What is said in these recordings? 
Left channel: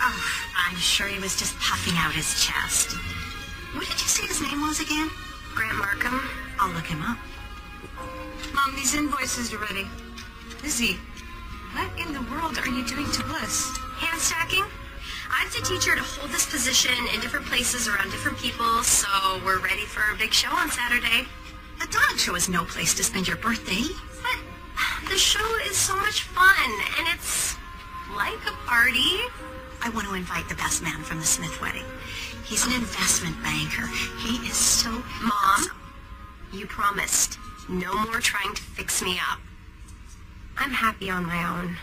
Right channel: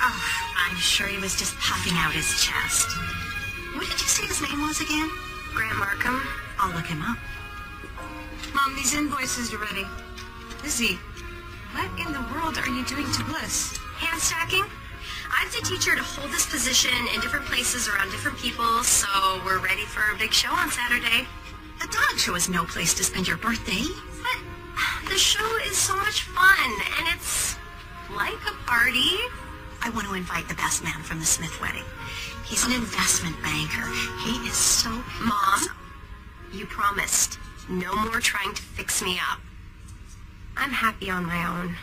Oh, I'm sure he was just puffing out his chest. What did you say his name was again? Grant Markham. I'll look him up. Mom, these invoices are ready. Lizzie, what in the world are you doing to us? Hand stacking? I'm the teacher to hold this position in different places around different people, so we're ready for a big show on Saturday. The Dodge Show is no place to spend your birthday. But the show is so much fun, and it's like a party. I want to invite the best man from the Smith wedding. He's an investment banker. He is so... Mom, you promised no more trying to fix me up. I'm happy on my own.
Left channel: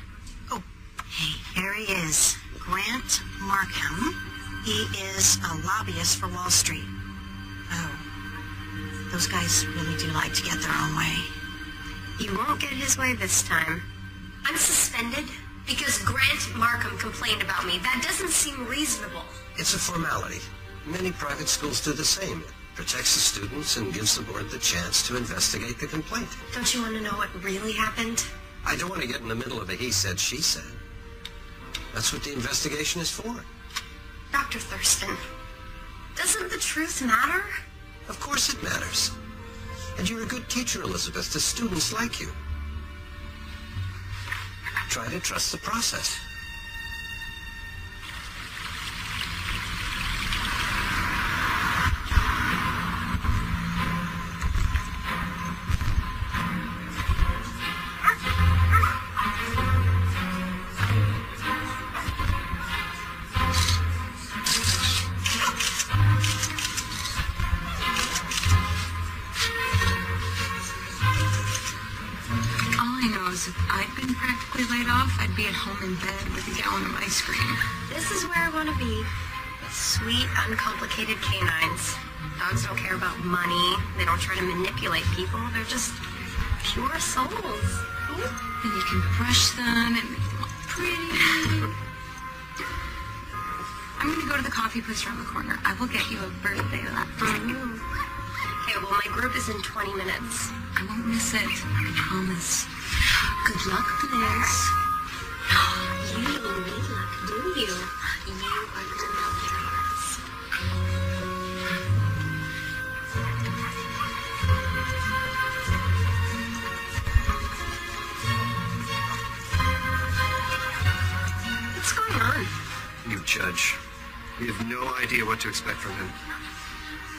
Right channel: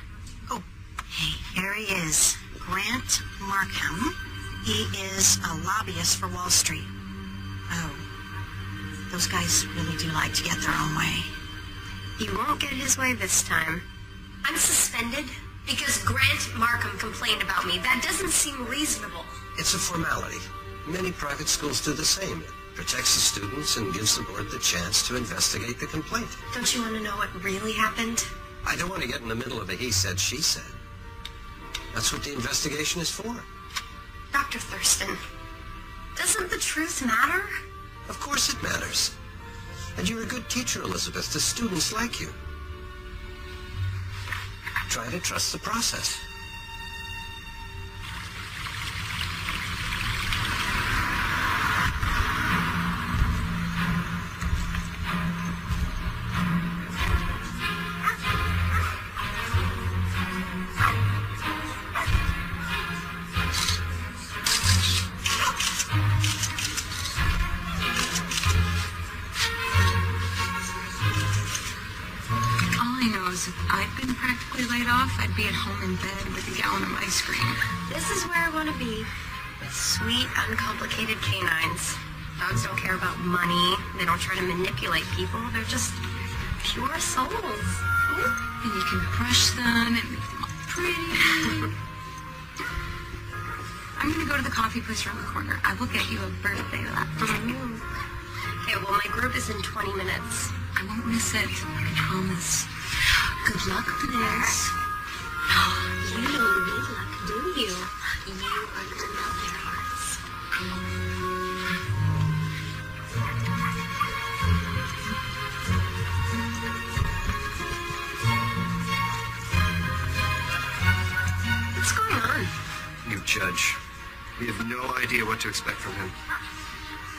Oh, hey, here he is. Grant Markham. He is a lobbyist for Wall Street. Oh, those guys really do like to get their own way. He won't get his way this time. I'm suspended because Grant Markham complained about me. That doesn't seem reasonable. It's a formality. Many private schools do the same. It protects the students and gives the board the chance to investigate the complaint. Don't you want to know what really happened? I don't want to get in the middle of a he said, she said. That's what the investigation is for. Dr. Thurston, doesn't the truth matter? Of course it matters. And you're a good teacher, Elizabeth. The students like you. Try to trust the process. If I'd been practically laid off, I'd be at home in bed with a gallon of ice cream. This is where I want to be. Sweet, uncomplicated canines. Dogs don't care about money. They don't try to manipulate people. They're just pure souls. And you can brush them and pretty. I'm going to go to the coffee place around the corner. I will get you a birthday laptop. Okay, well, my group is in 20 minutes. I won't miss it. I promise. Good luck, Liz. You don't need luck, do you? You are the love their hearts. What's going on? New judge. We have no idea what to expect from him.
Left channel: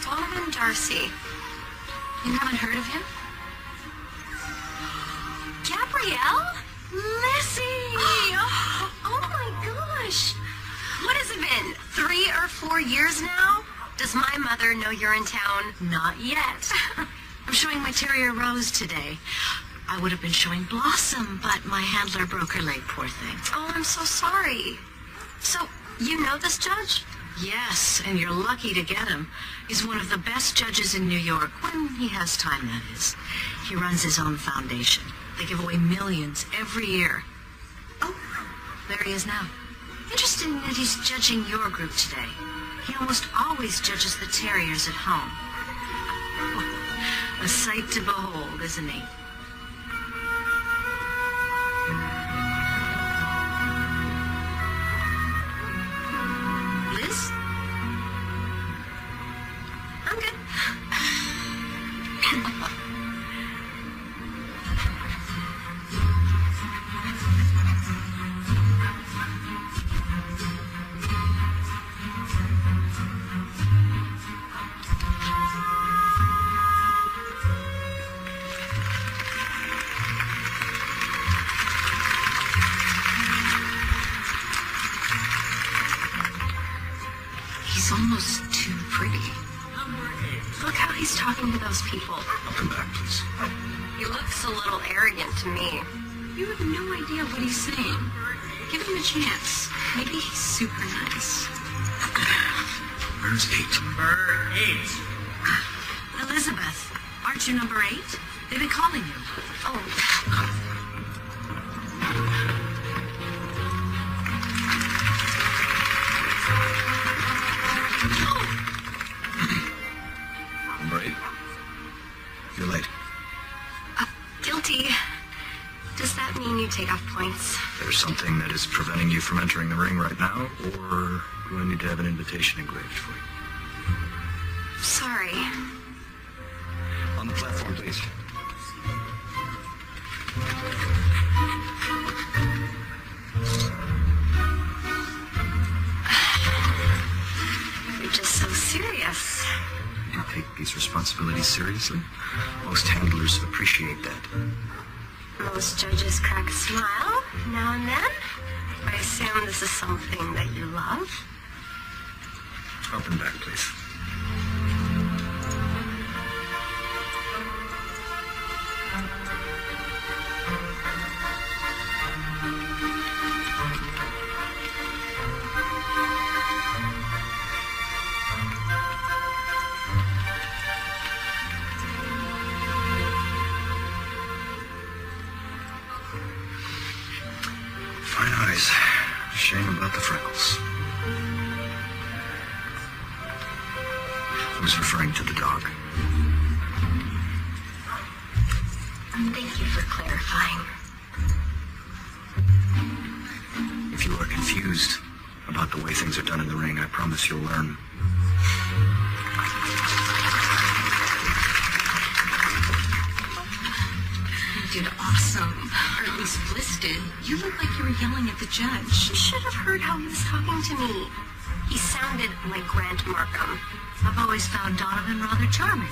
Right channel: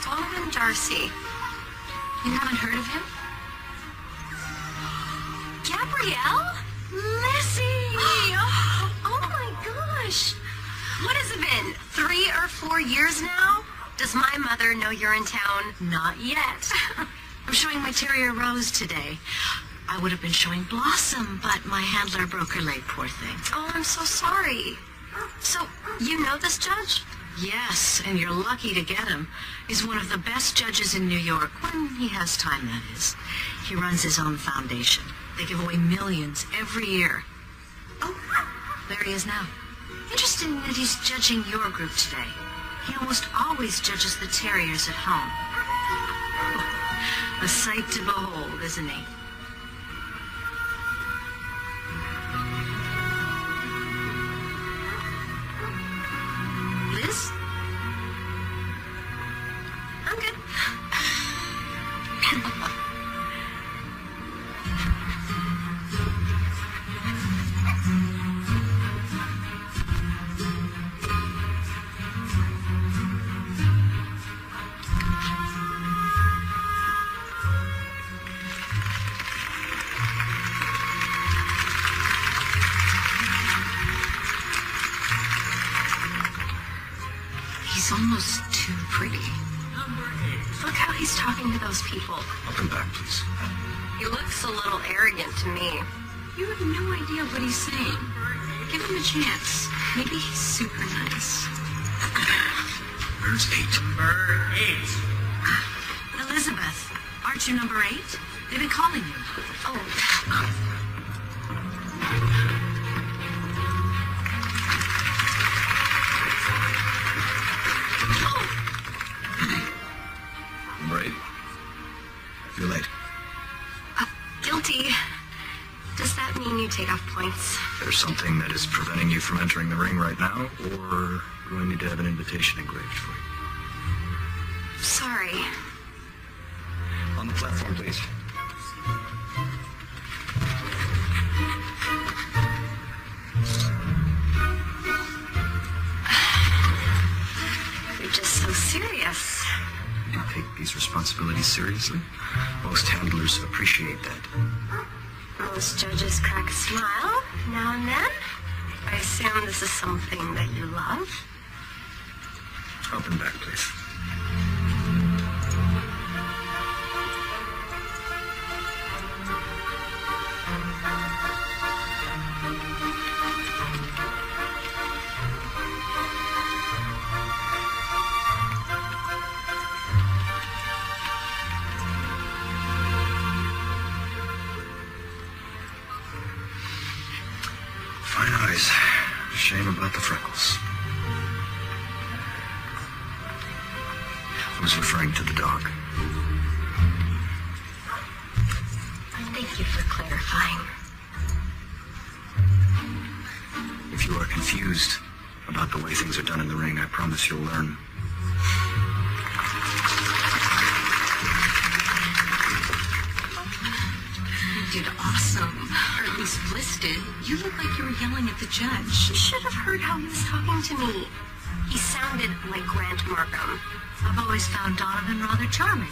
Donovan Darcy. You haven't heard of him? Gabrielle? Lizzie! Oh my gosh! What has it been, 3 or 4 years now? Does my mother know you're in town? Not yet. I'm showing my terrier Rose today. I would have been showing Blossom, but my handler broke her leg, poor thing. Oh, I'm so sorry. So, you know this judge? Yes, and you're lucky to get him. He's one of the best judges in New York. When he has time, that is. He runs his own foundation. They give away millions every year. Oh, there he is now. Interesting that he's judging your group today. He almost always judges the terriers at home. A sight to behold, isn't he? Liz? I'm good. He's almost too pretty. Look how he's talking to those people. He looks a little arrogant to me. You have no idea what he's saying. Give him a chance. Maybe he's super nice. Number 8. Elizabeth, aren't you number 8? They've been calling you. Oh. Number 8. You're late. Guilty. Does that mean you take off points for there something that is preventing you from entering the ring right now, or do I need to have an invitation engraved for you? Sorry. On the platform, please. You're just so serious. You do take these responsibilities seriously. Most handlers appreciate that. Most judges crack a smile now and then. I assume this is something that you love. Up and back, please. Fine eyes. Shame about the freckles. I was referring to the dog. Thank you for clarifying. If you are confused about the way things are done in the ring, I promise you'll learn. You did awesome. Or at least Bliss did. You look like you were yelling at the judge. You should have heard how he was talking to me. He sounded like Grant Markham. I've always found Donovan rather charming.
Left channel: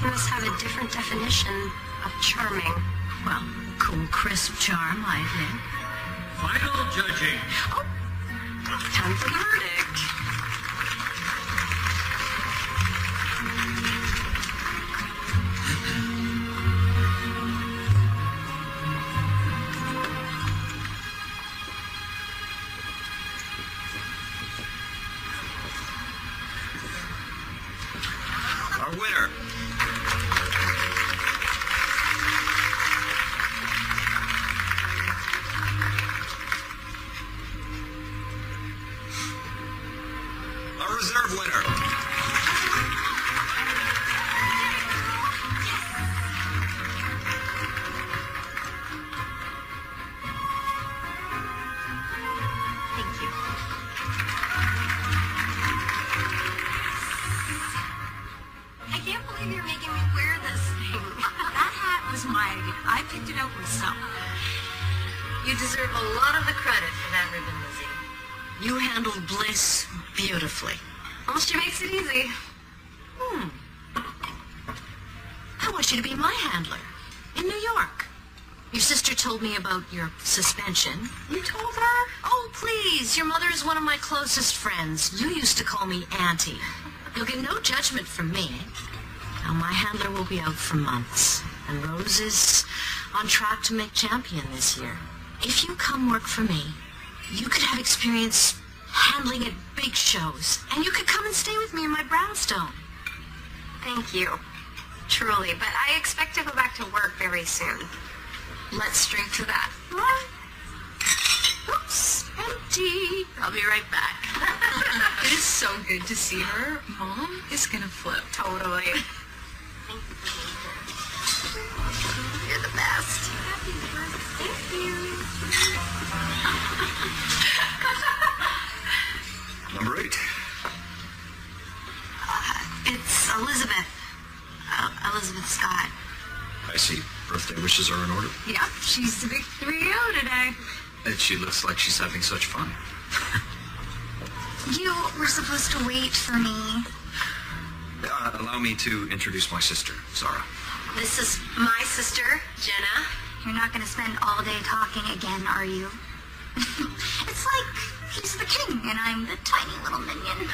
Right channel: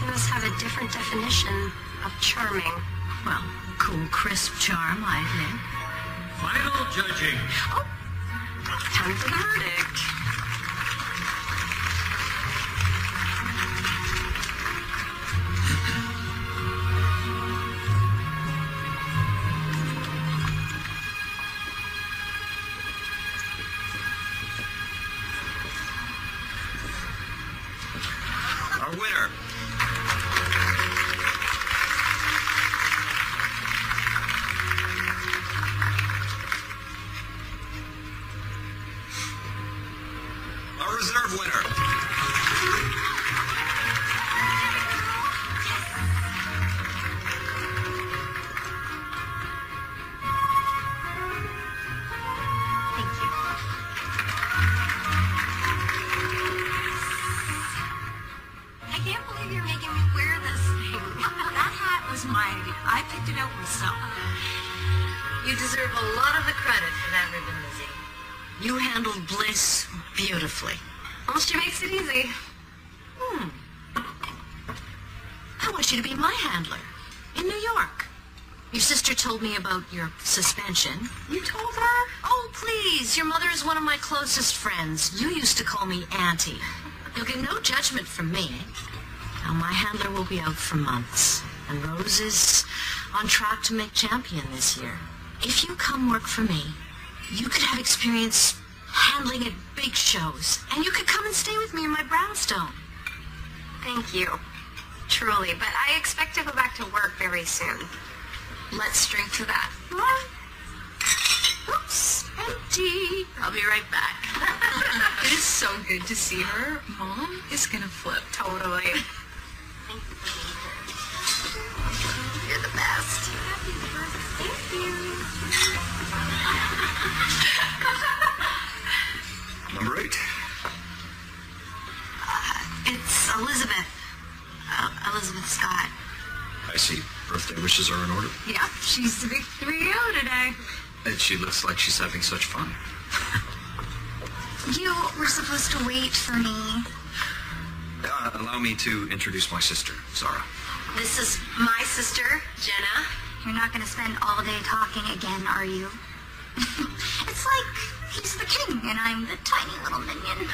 He must have a different definition of charming. Well, cool, crisp charm, I think. Final judging. Time for the verdict. Our winner. Our reserve winner. I can't believe you're making me wear this thing. That hat was mine. I picked it out myself. You deserve a lot of the credit for that ribbon, Lizzie. You handled Bliss beautifully. Well, she makes it easy. I want you to be my handler in New York. Your sister told me about your suspension. You told her? Oh, please. Your mother is one of my closest friends. You used to call me Auntie. You'll get no judgment from me. Now, my handler will be out for months, and Rose is on track to make champion this year. If you come work for me, you could have experience handling at big shows, and you could come and stay with me in my brownstone. Thank you. Truly, but I expect to go back to work very soon. Let's drink to that. Oops, empty. I'll be right back. It is so good to see her. Mom is gonna flip. Totally. You're the best. Number 8. It's Elizabeth. Elizabeth Scott. I see. Birthday wishes are in order. Yeah, she's the big 3-0 today. And she looks like she's having such fun. You were supposed to wait for me. Allow me to introduce my sister, Zara. This is my sister, Jenna. You're not going to spend all day talking again, are you? It's like he's the king and I'm the tiny little minion.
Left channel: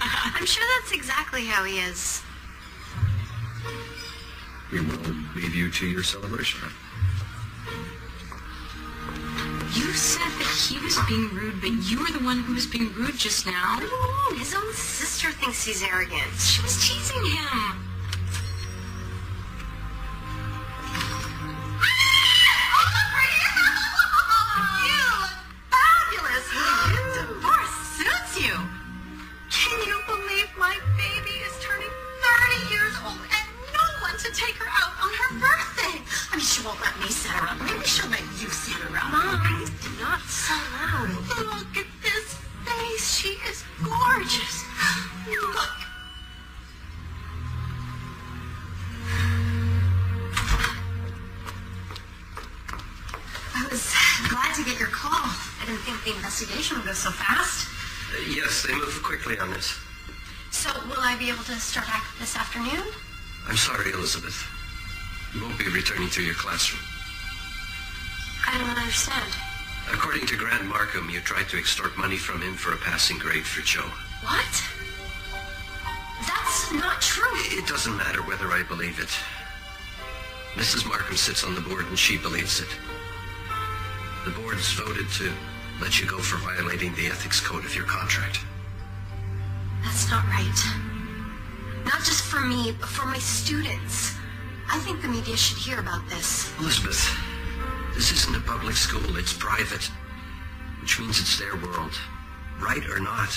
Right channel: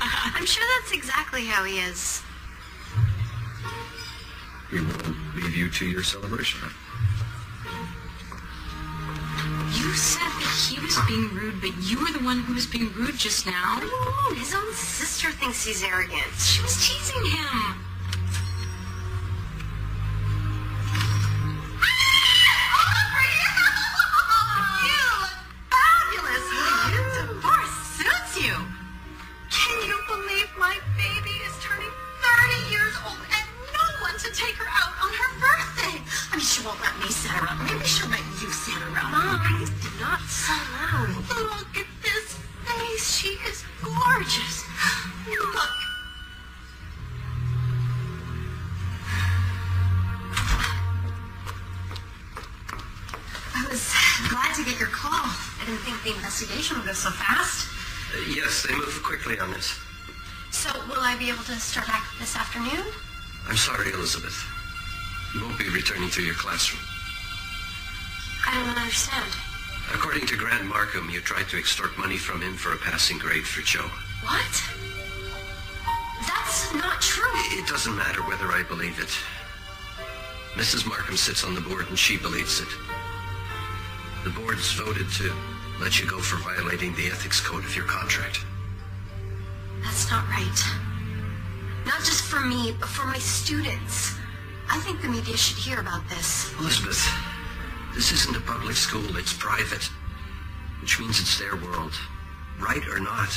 I'm sure that's exactly how he is. We will leave you to your celebration. You said that he was being rude, but you were the one who was being rude just now. No, his own sister thinks he's arrogant. She was teasing him. She won't let me set her up. Maybe she'll let you set her up. Mom, go so fast? Yes, they move quickly on this. So will I be able to start back this afternoon? I'm sorry, Elizabeth. You won't be returning to your classroom. I don't understand. According to Grant Markham, you tried to extort money from him for a passing grade for Joe. What? That's not true. It doesn't matter whether I believe it. Mrs. Markham sits on the board and she believes it. The board's voted to let you go for violating the ethics code of your contract. That's not right. Not just for me, but for my students. I think the media should hear about this. Elizabeth, this isn't a public school, it's private. Which means it's their world. Right or not,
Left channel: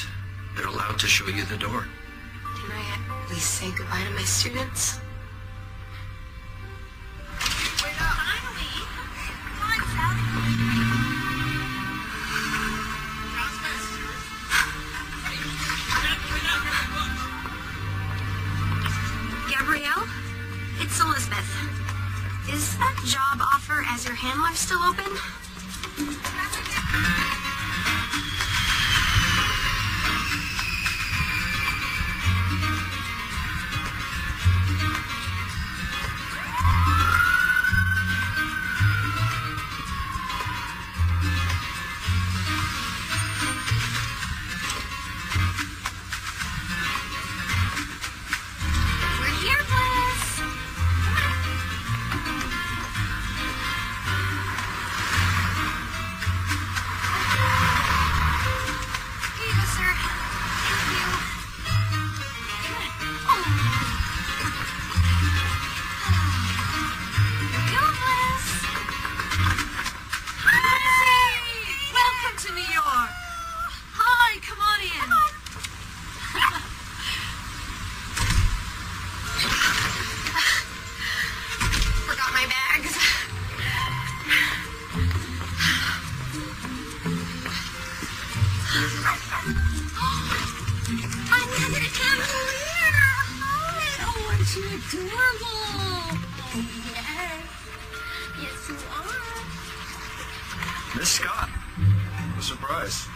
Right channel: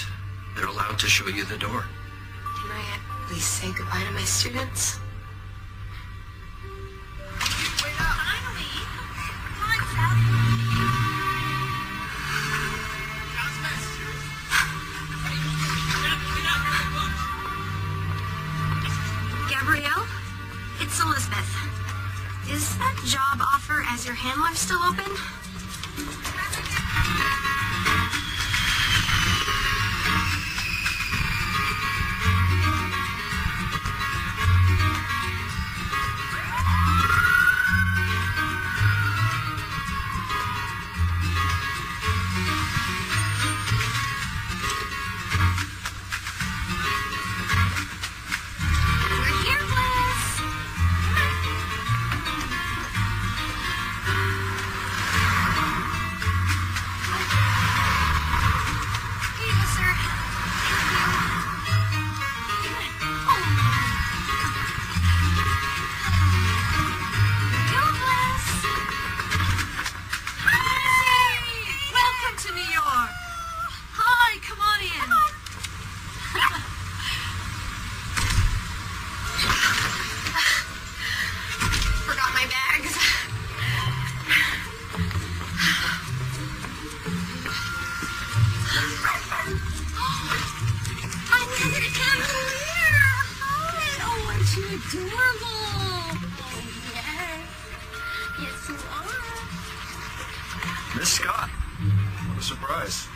they're allowed to show you the door. Can I at least say goodbye to my students? Finally! Come on, Seth. Gabrielle? It's Elizabeth. Is that job offer as your handler still open? Miss Scott. What a surprise.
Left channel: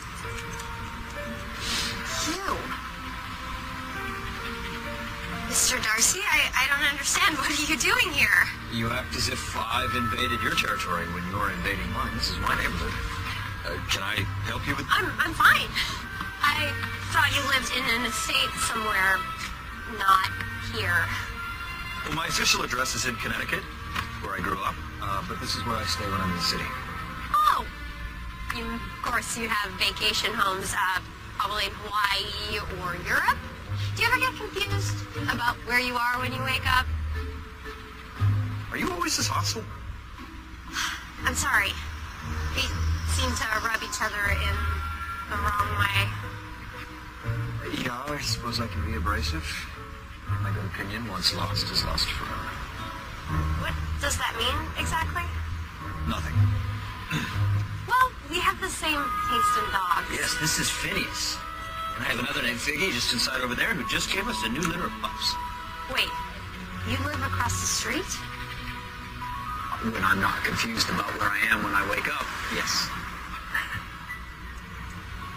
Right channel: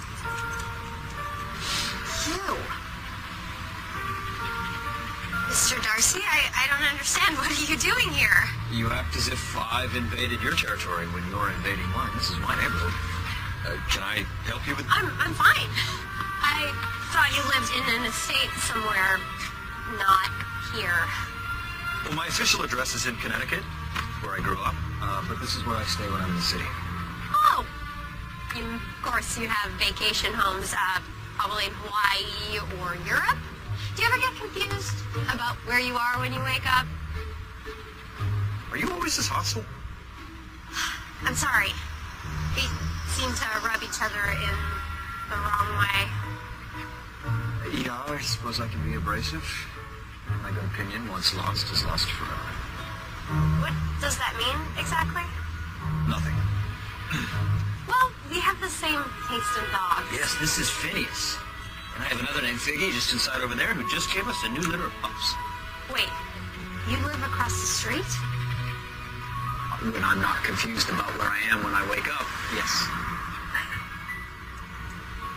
Mr. Darcy, I don't understand. What are you doing here? You act as if I've invaded your territory when you're invading mine. This is my neighborhood. Can I help you with... I'm fine. I thought you lived in an estate somewhere, not here. Well, my official address is in Connecticut, where I grew up, but this is where I stay when I'm in the city. Oh! Of course, you have vacation homes, probably in Hawaii or Europe. Do you ever get confused about where you are when you wake up? Are you always this hostile? I'm sorry. We seem to rub each other in the wrong way. Yeah, I suppose I can be abrasive. My opinion, once lost, is lost forever. What does that mean, exactly? Nothing. Well, we have the same taste in dogs. Yes, this is Phineas. And I have another named Figgy just inside over there who just gave us a new litter of pups. Wait, you live across the street? I'm not confused about where I am when I wake up. Yes.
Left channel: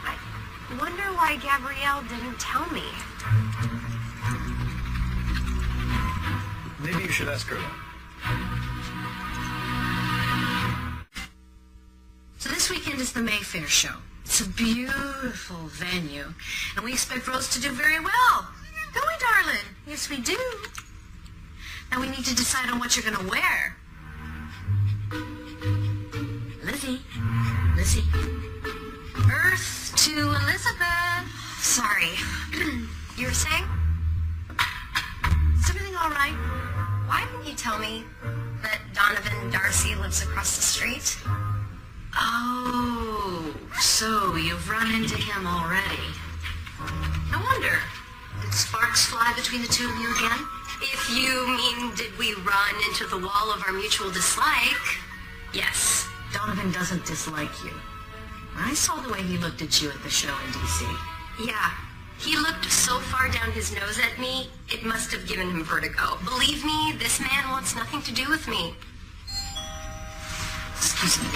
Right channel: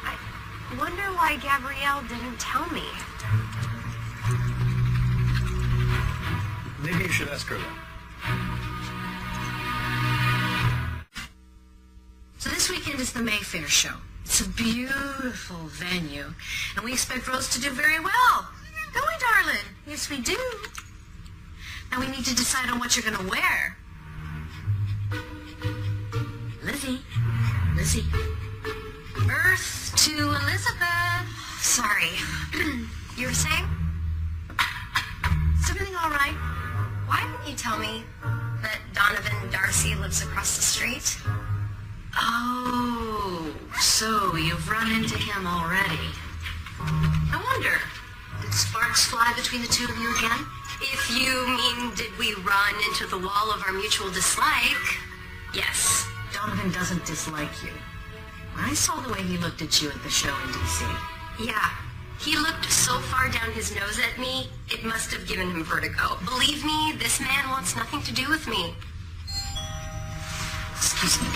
I wonder why Gabrielle didn't tell me. Maybe you should ask her that. So this weekend is the Mayfair show. It's a beautiful venue, and we expect Rose to do very well. Don't we, darling? Yes, we do. Now we need to decide on what you're going to wear. Lizzie. Earth to Elizabeth. Sorry. You were saying? Is everything all right? Why didn't you tell me that Donovan Darcy lives across the street? Oh, so you've run into him already. No wonder. Did sparks fly between the two of you again? If you mean, did we run into the wall of our mutual dislike? Yes. Donovan doesn't dislike you. I saw the way he looked at you at the show in D.C. Yeah. He looked so far down his nose at me, it must have given him vertigo. Believe me, this man wants nothing to do with me. Excuse me.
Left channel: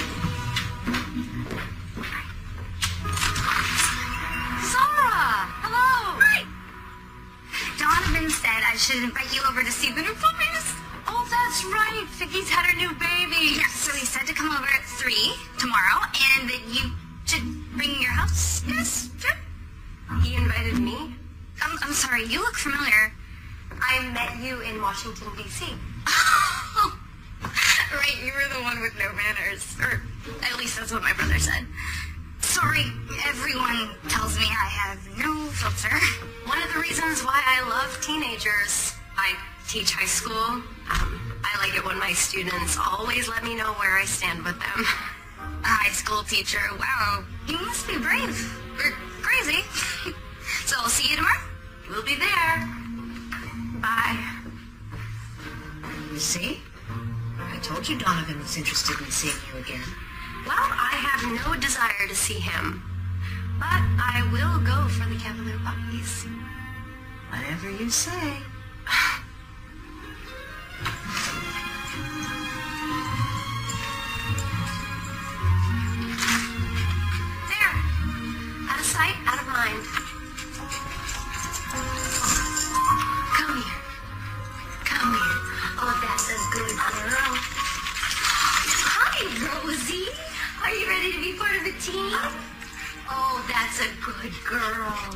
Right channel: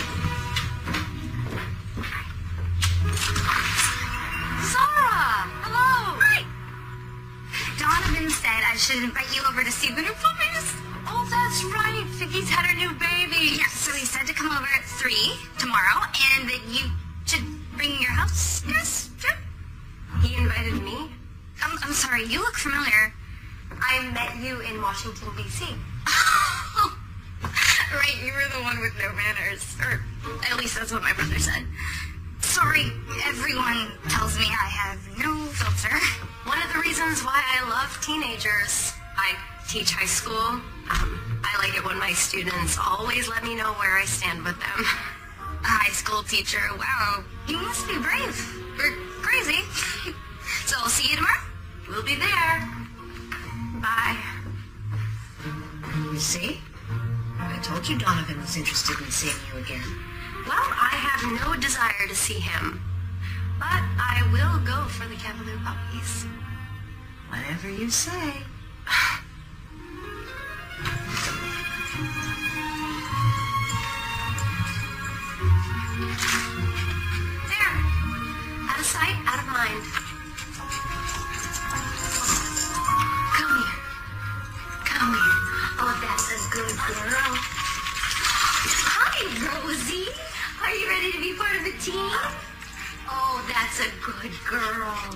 should invite you over to see the new puppies. Oh, that's right. Vicky's had her new baby. Yeah, so he said to come over at 3 tomorrow, and that you should bring your house. Yes, sure. He invited me. I'm sorry, you look familiar. I met you in Washington, D.C. Right, you were the one with no manners. Or at least that's what my brother said. Sorry, everyone tells me I have no filter. One of the reasons why I love teenagers. I teach high school. I like it when my students always let me know where I stand with them. A high school teacher, wow, you must be brave. Or crazy. So I'll see you tomorrow. We'll be there. Bye. You see? I told you Donovan was interested in seeing you again. Well, I have no desire to see him. But I will go for the Cavalier puppies. Whatever you say. There. Out of sight, out of mind. Come here. Come here. Oh, that's a good girl. Hi, Rosie. Are you ready to be part of the team? Oh, that's a good girl.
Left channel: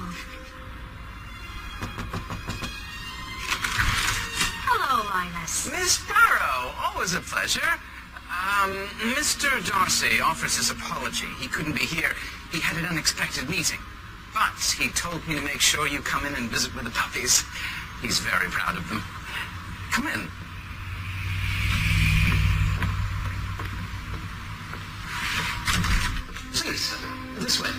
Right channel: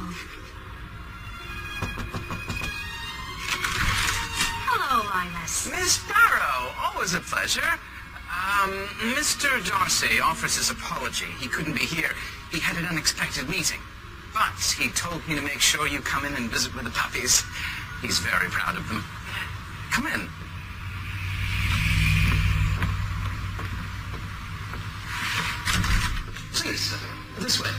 Hello, Linus. Miss Barrow, always a pleasure. Mr. Darcy offers his apology. He couldn't be here. He had an unexpected meeting. But he told me to make sure you come in and visit with the puppies. He's very proud of them. Come in. Please, this way.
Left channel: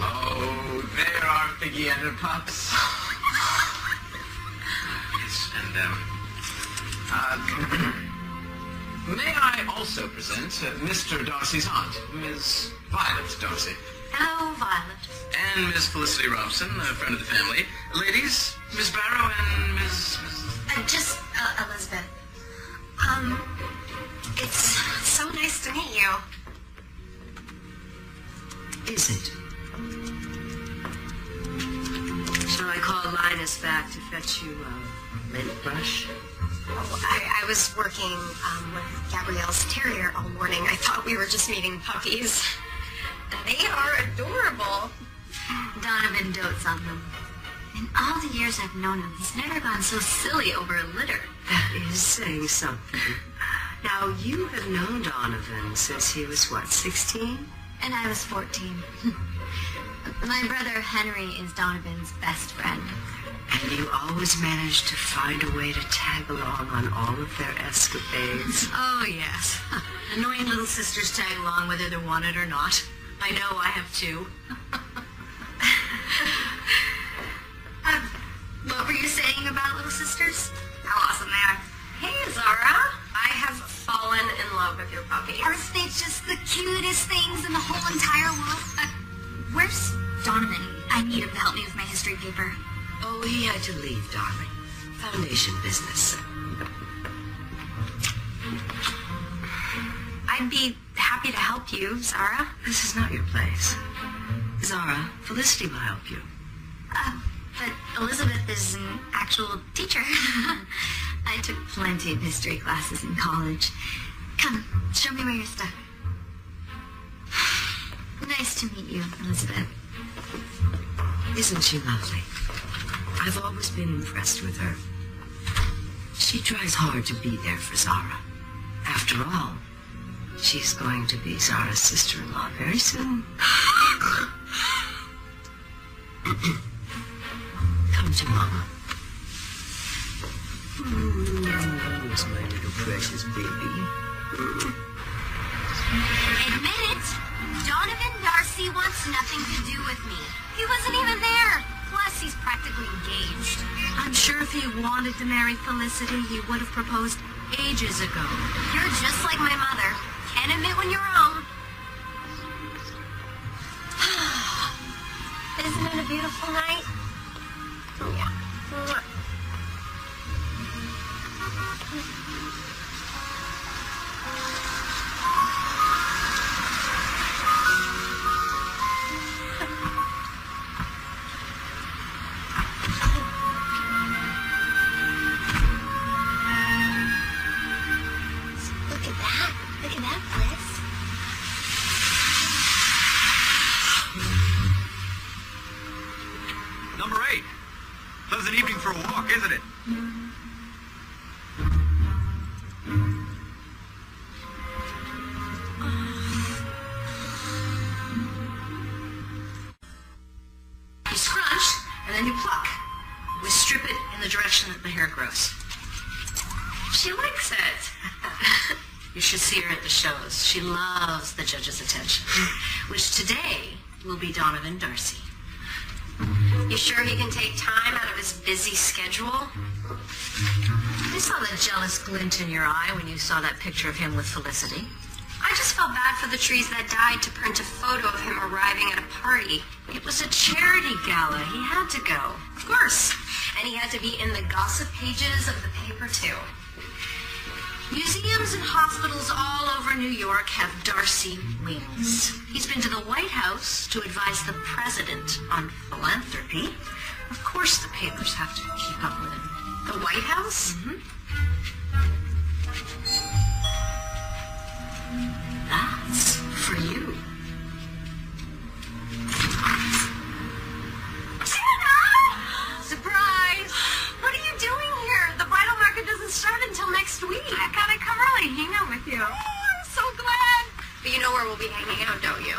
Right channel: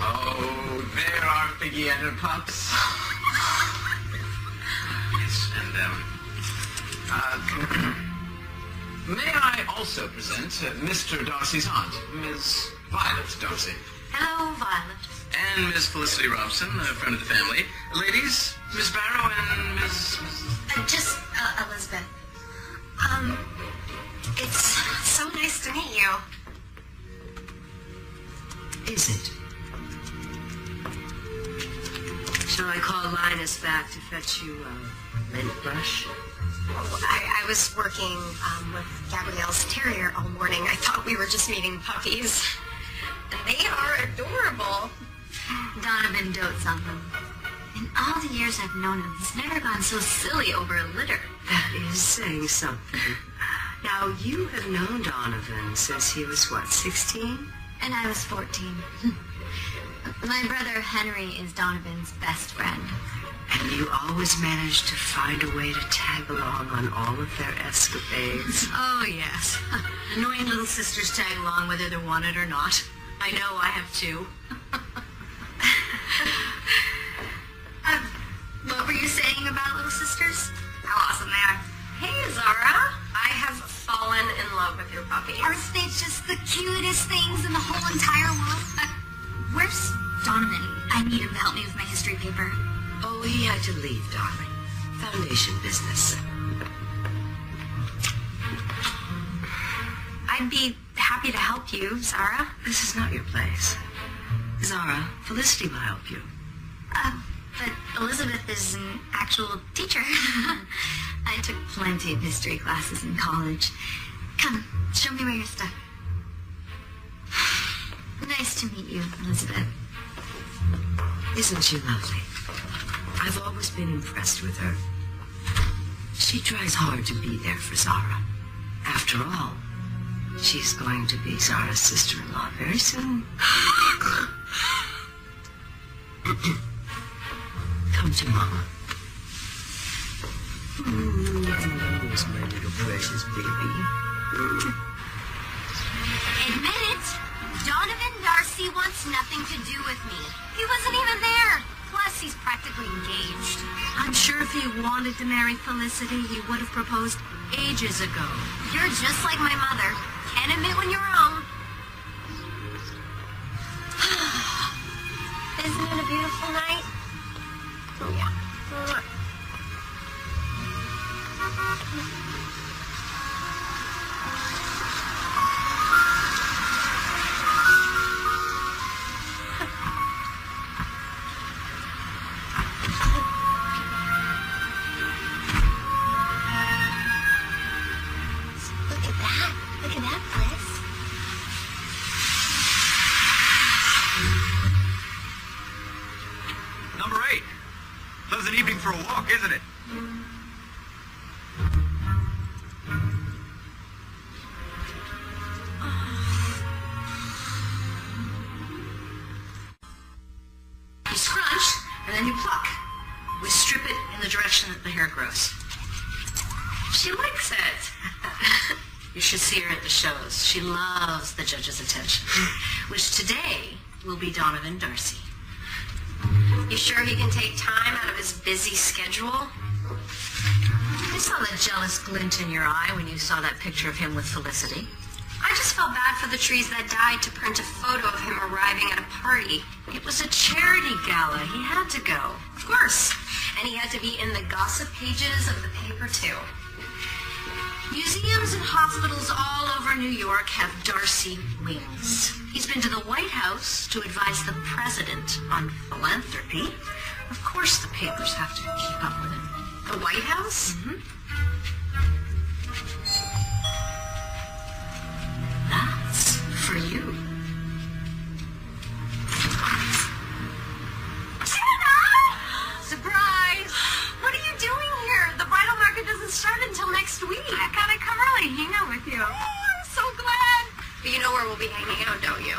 Oh, there are Piggy and her pups. Yes, and, may I also present Mr. Darcy's aunt, Miss Violet Darcy, Hello, Violet. and Miss Felicity Robson, a friend of the family. Ladies, Miss Barrow and Miss... Just, Elizabeth. It's so nice to meet you. Is it? Shall I call Linus back to fetch you a lint brush? I was working with Gabrielle's terrier all morning. I thought we were just meeting puppies. And they are adorable. Donovan dotes on them. In all the years I've known him, he's never gone so silly over a litter. That is saying something. Now, you have known Donovan since he was, what, 16? And I was 14. My brother Henry is Donovan's best friend. And you always manage to find a way to tag along on all of their escapades. Oh, yes. Annoying little sisters tag along whether they're wanted or not. I know I have too. What were you saying about little sisters? How awesome they are. Hey, Zara. I have fallen in love with your puppy. Aren't they just the cutest things in the whole entire world? Where's Donovan? I need him to help me with my history paper. Oh, he had to leave, darling. Foundation business. I'd be happy to help you, Zara. This is not your place. Zara, Felicity will help you. But Elizabeth is an actual teacher. I took plenty of history classes in college. Come, show me where you're stuck. Nice to meet you, Elizabeth. Isn't she lovely? I've always been impressed with her. She tries hard to be there for Zara. After all, she's going to be Zara's sister-in-law very soon. Come to Mama. Who's my little precious baby? Admit it, Donovan Darcy wants nothing to do with me. He wasn't even there. Plus, he's practically engaged. I'm sure if he wanted to marry Felicity, he would have proposed ages ago. You're just like my mother. Can't admit when you're wrong. Isn't it a beautiful night? an evening for a walk, isn't it? You scrunch, and then you pluck. We strip it in the direction that the hair grows. She likes it. You should see her at the shows. She loves the judge's attention, which today will be Donovan Darcy. You sure he can take time out of his busy schedule? I saw that jealous glint in your eye when you saw that picture of him with Felicity. I just felt bad for the trees that died to print a photo of him arriving at a party. It was a charity gala. He had to go. Of course. And he had to be in the gossip pages of the paper, too. Museums and hospitals all over New York have Darcy wings. He's been to the White House to advise the president on philanthropy. Of course the papers have to keep up with him. The White House? Mm-hmm. That's for you. Surprise! What are you doing here? The bridal market doesn't start until next week. I gotta come early, hang out with you. Oh, I'm so glad. But you know where we'll be hanging out, don't you?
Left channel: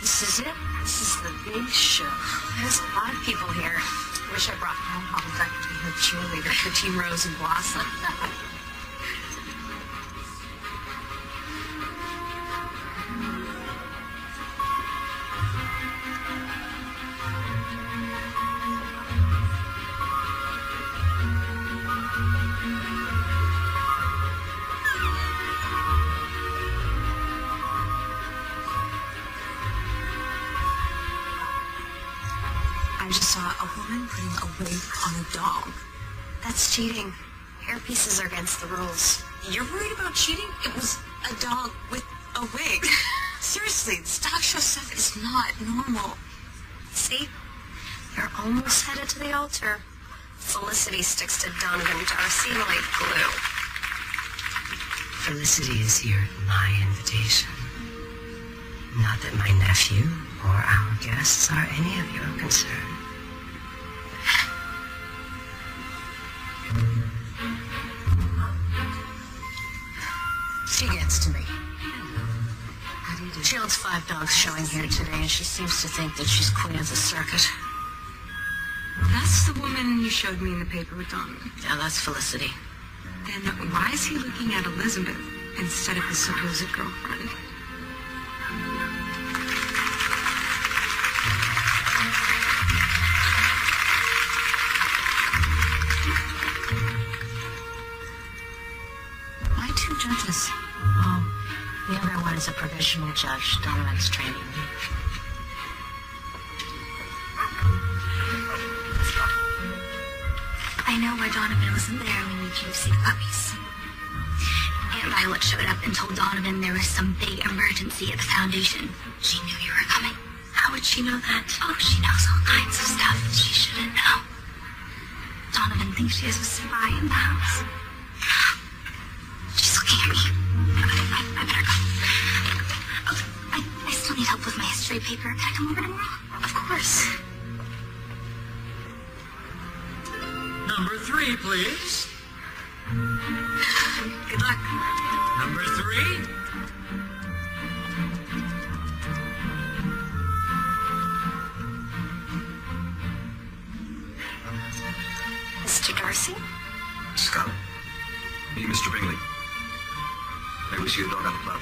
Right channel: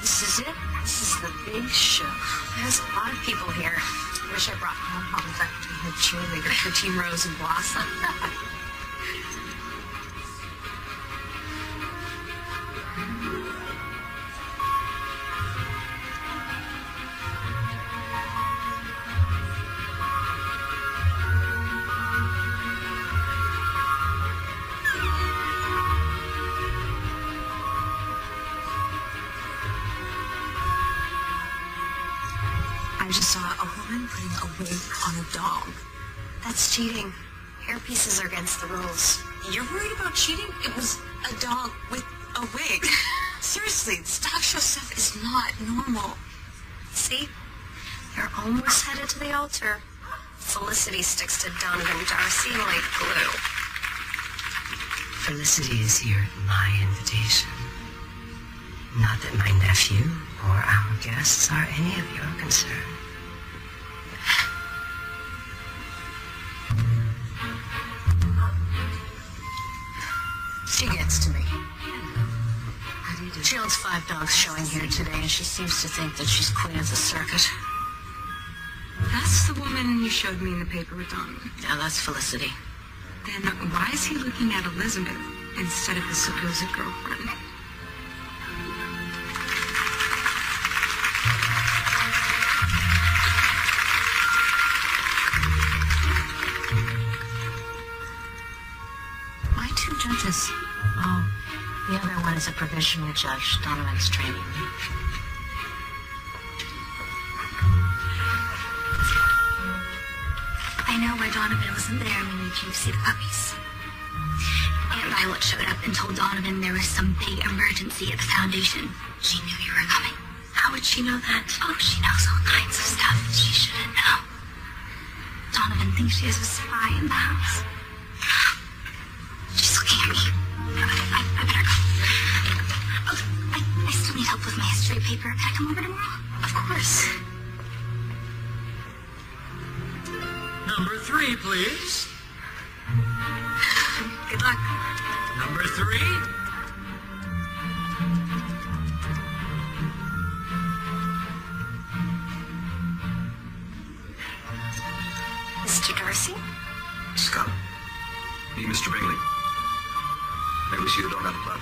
This is it. This is the big show. There's a lot of people here. I wish I brought home for her cheerleader, Team Rose and Blossom. I just saw a woman putting a wig on a dog. That's cheating. Hair pieces are against the rules. You're worried about cheating? It was a dog with a wig. Seriously, this talk show stuff is not normal. See? They're almost headed to the altar. Felicity sticks to Donovan Darcy like glue. Felicity is here at my invitation. Not that my nephew or our guests are any of your concern. She gets to me. How do you do? She owns 5 dogs showing here today, and she seems to think that she's queen of the circuit. That's the woman you showed me in the paper with Donovan. Now that's Felicity. Then why is he looking at Elizabeth instead of his supposed girlfriend? Why 2 judges? Oh, the other one is a provisional judge. Donovan's training me. I know why Donovan wasn't there when you came to see the puppies. Aunt Violet showed up and told Donovan there was some big emergency at the foundation. She knew you were coming. How would she know that? Oh, she knows all kinds of stuff she shouldn't know. Donovan thinks she has a spy in the house. She's looking at me. I better go. I still need help with my history paper. Can I come over tomorrow? Of course. Number 3, please. Good luck. Number 3. Mr. Darcy? Scott. Hey, Mr. Bingley. I wish you had done that platform.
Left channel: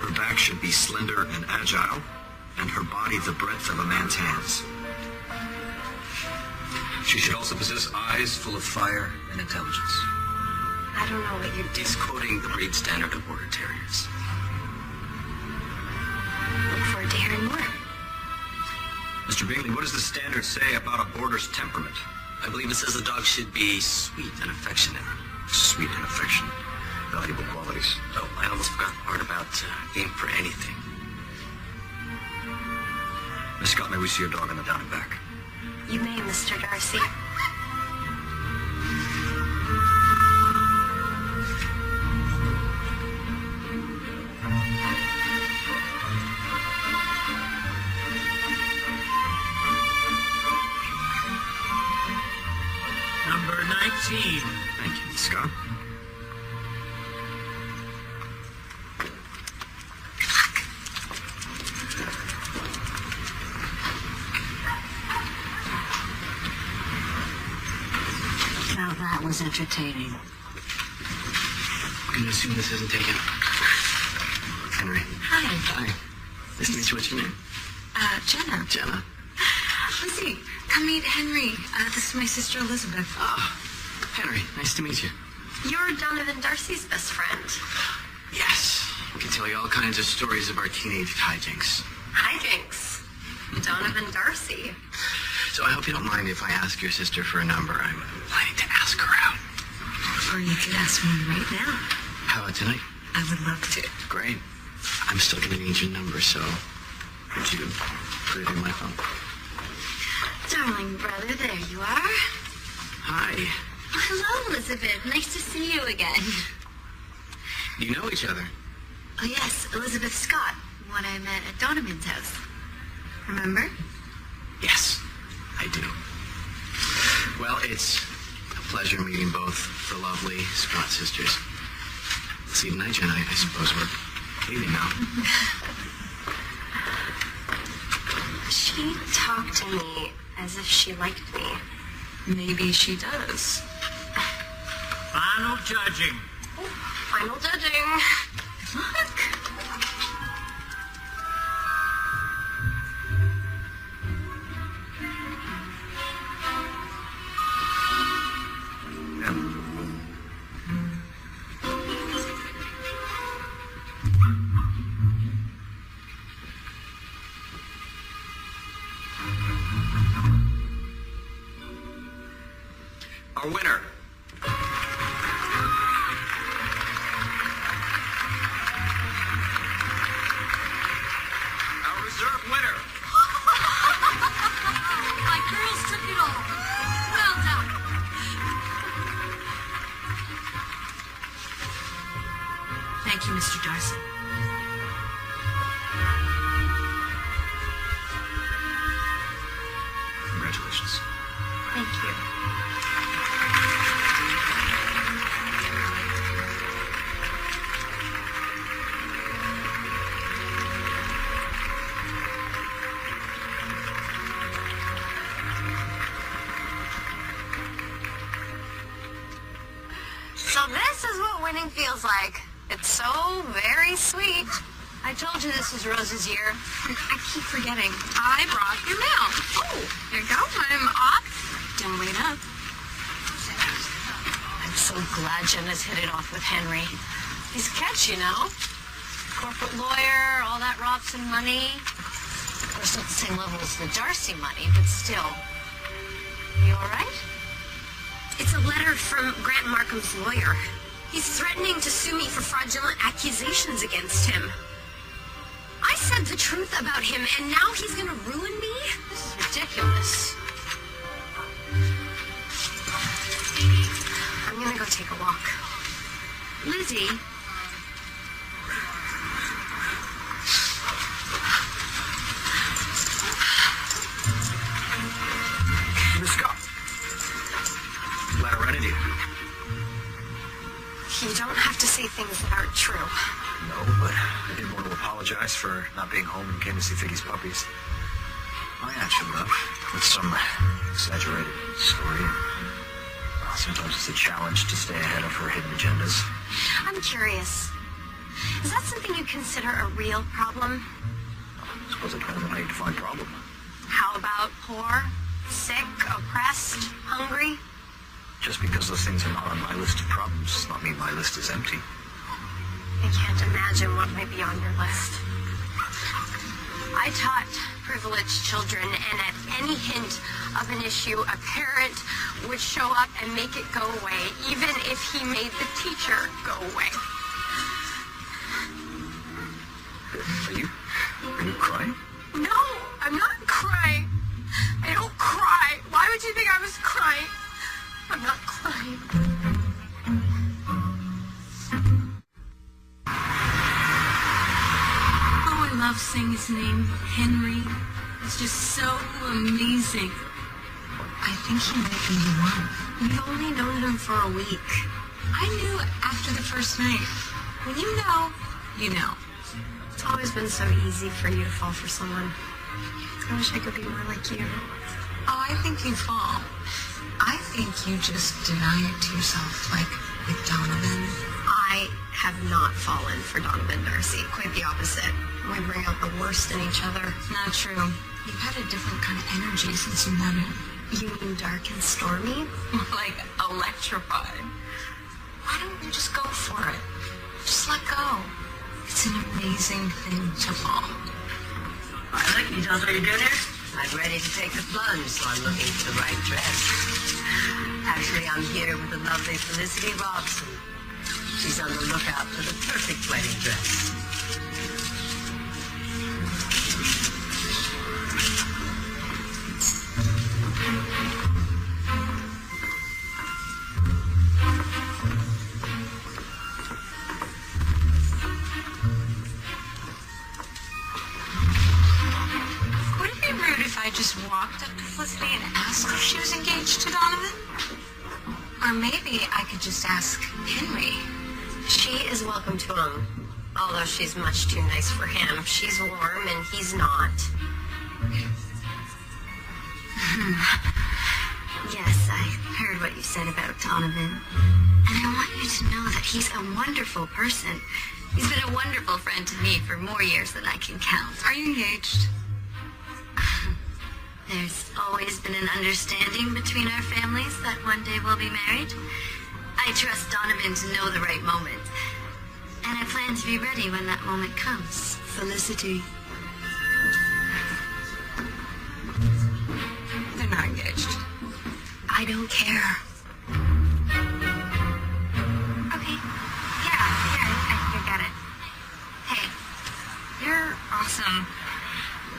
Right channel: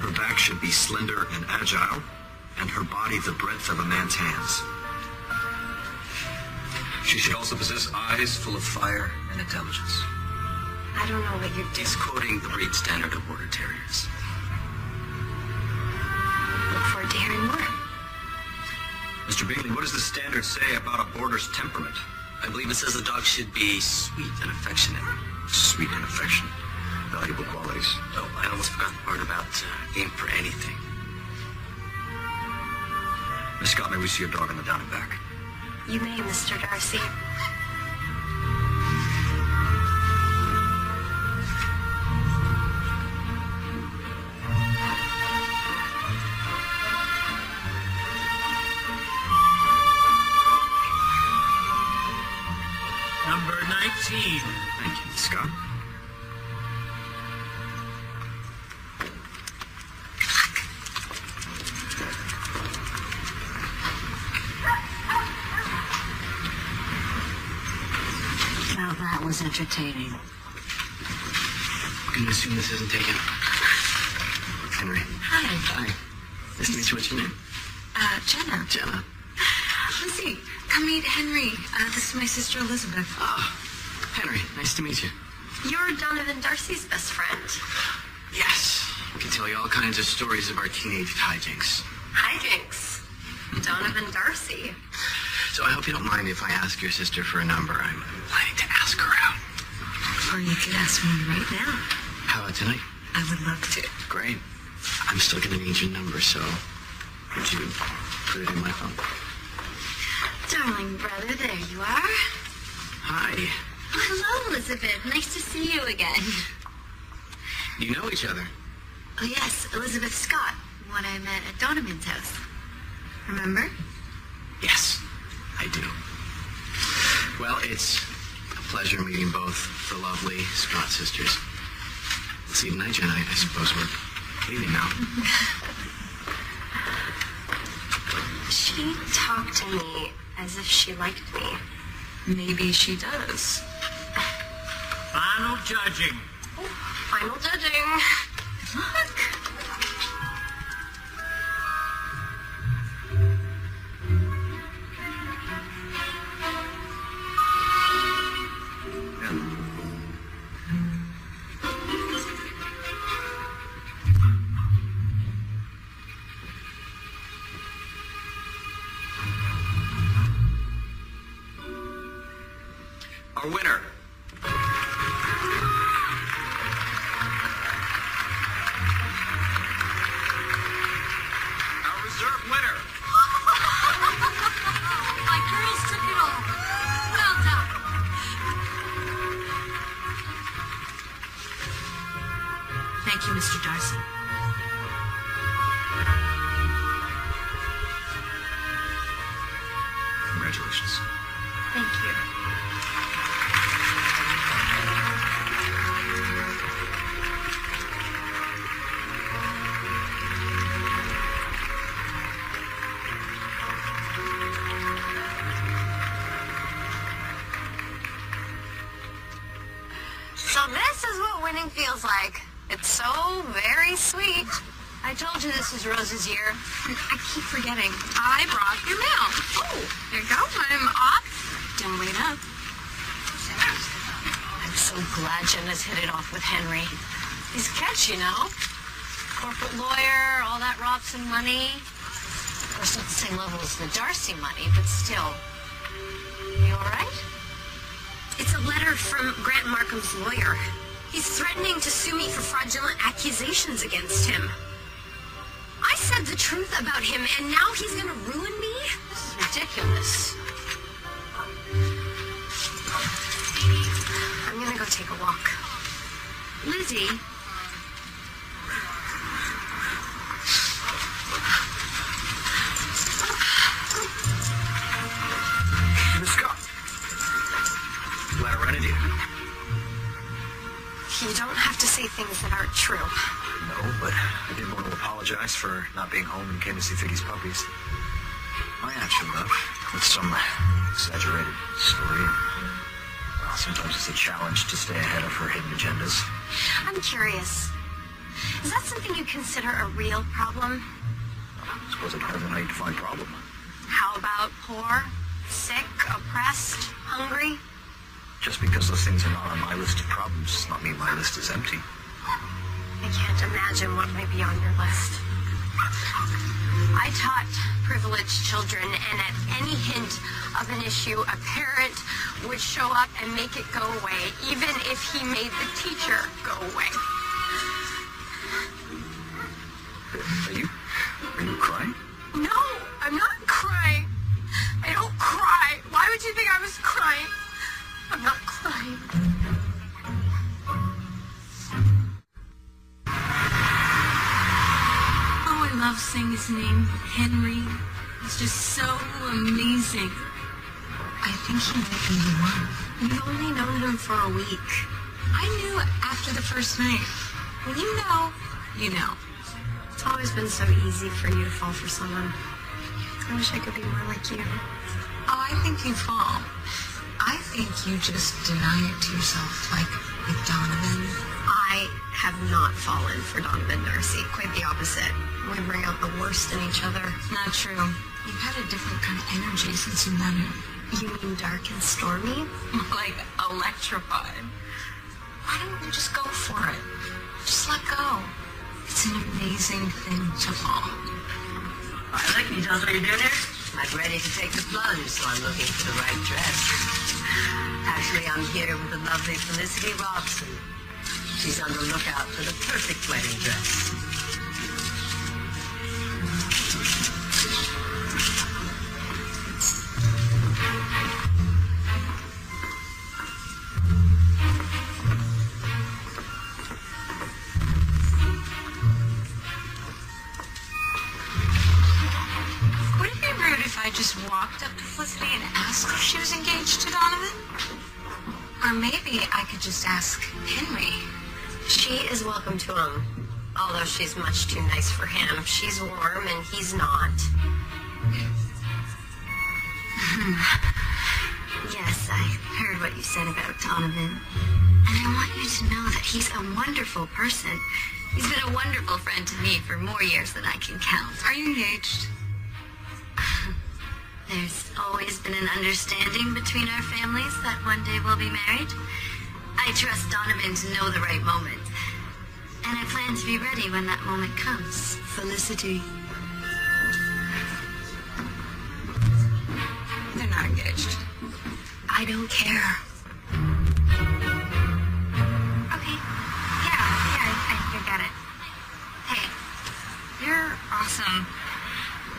Her back should be slender and agile, and her body the breadth of a man's hands. She should also possess eyes full of fire and intelligence. I don't know what you're... He's quoting the breed standard of Border Terriers. Look forward to hearing more. Mr. Beagley, what does the standard say about a Border's temperament? I believe it says the dog should be sweet and affectionate. Sweet and affectionate. Valuable qualities. Oh, I almost forgot the part about being for anything. Miss Scott, may we see your dog in the down and back? You may, Mr. Darcy. Number 19. Thank you, Miss Scott. Now that was entertaining. I'm gonna assume this isn't taken. Henry. Hi. Nice to meet you. What's your name? Jenna. Jenna. Lizzie, come meet Henry. This is my sister Elizabeth. Henry, nice to meet you. You're Donovan Darcy's best friend. Yes. We can tell you all kinds of stories of our teenage hijinks. Hijinks. Donovan Darcy. So I hope you don't mind if I ask your sister for a number. I'm planning to ask her out. Well, you could ask me right now. How about tonight? I would love to. Great. I'm still gonna need your number, so would you put it in my phone? Darling brother, there you are. Hi. Hello, Elizabeth. Nice to see you again. You know each other? Oh, yes, Elizabeth Scott, one I met at Donovan's house. Remember? Yes, I do. Well, it's a pleasure meeting both the lovely Scott sisters. See you tonight, Jen, I suppose we'll leave now. She talked to me as if she liked me. Maybe she does. Final judging. Final judging. Our winner. Our reserve winner. My girls took it all. Well done. Thank you, Mr. Darcy. Congratulations. Thank you. So this is what winning feels like. It's so very sweet. I told you this was Rose's year. I keep forgetting. I brought your mail. Oh, there you go. I'm off. Don't wait up. I'm so glad Jenna's hit it off with Henry. He's catchy, you know? Corporate lawyer, all that Robson money. Of course, not the same level as the Darcy money, but still. You all right? It's a letter from Grant Markham's lawyer. He's threatening to sue me for fraudulent accusations against him. I said the truth about him, and now he's going to ruin me? It's ridiculous. I'm going to go take a walk. Lizzie. Miss Scott. Glad I ran into you. You don't have to say things that aren't true. No, but I didn't want to apologize for not being home and came to see Figgy's puppies. I actually have. With some exaggerated story. Well, sometimes it's a challenge to stay ahead of her hidden agendas. I'm curious. Is that something you consider a real problem? I suppose it depends on how you define problem. How about poor, sick, oppressed, hungry? Just because those things are not on my list of problems does not mean my list is empty. I can't imagine what might be on your list. I taught privileged children, and at any hint of an issue, a parent would show up and make it go away, even if he made the teacher go away. Are you crying? No, I'm not crying. I don't cry. Why would you think I was crying? I'm not crying. Oh, I love seeing his name, Henry. It's just so amazing. I think he might be the one. You've only known him for a week. I knew after the first night. When you know, you know. It's always been so easy for you to fall for someone. I wish I could be more like you. Oh, I think you fall. I think you just deny it to yourself, like with Donovan. I have not fallen for Donovan Darcy. Quite the opposite. We bring out the worst in each other. Not true. You've had a different kind of energy since you met him. You mean dark and stormy? Like electrified. Why don't you just go for it? Just let go. It's an amazing thing to fall. Look, you know what you're doing there? I'm ready to take the plunge, so I'm looking for the right dress. Actually, I'm here with the lovely Felicity Robson. She's on the lookout for the perfect wedding dress. Would it be rude if I just walked up to Felicity and asked if she was engaged to Donovan? Or maybe I could just ask Henry. She is welcome to him, although she's much too nice for him. She's warm and he's not. Yes, I heard what you said about Donovan. And I want you to know that he's a wonderful person. He's been a wonderful friend to me for more years than I can count. Are you engaged? There's always been an understanding between our families that one day we'll be married. I trust Donovan to know the right moment. And I plan to be ready when that moment comes. Felicity. They're not engaged. I don't care. Okay. Yeah, I get it. Hey, you're also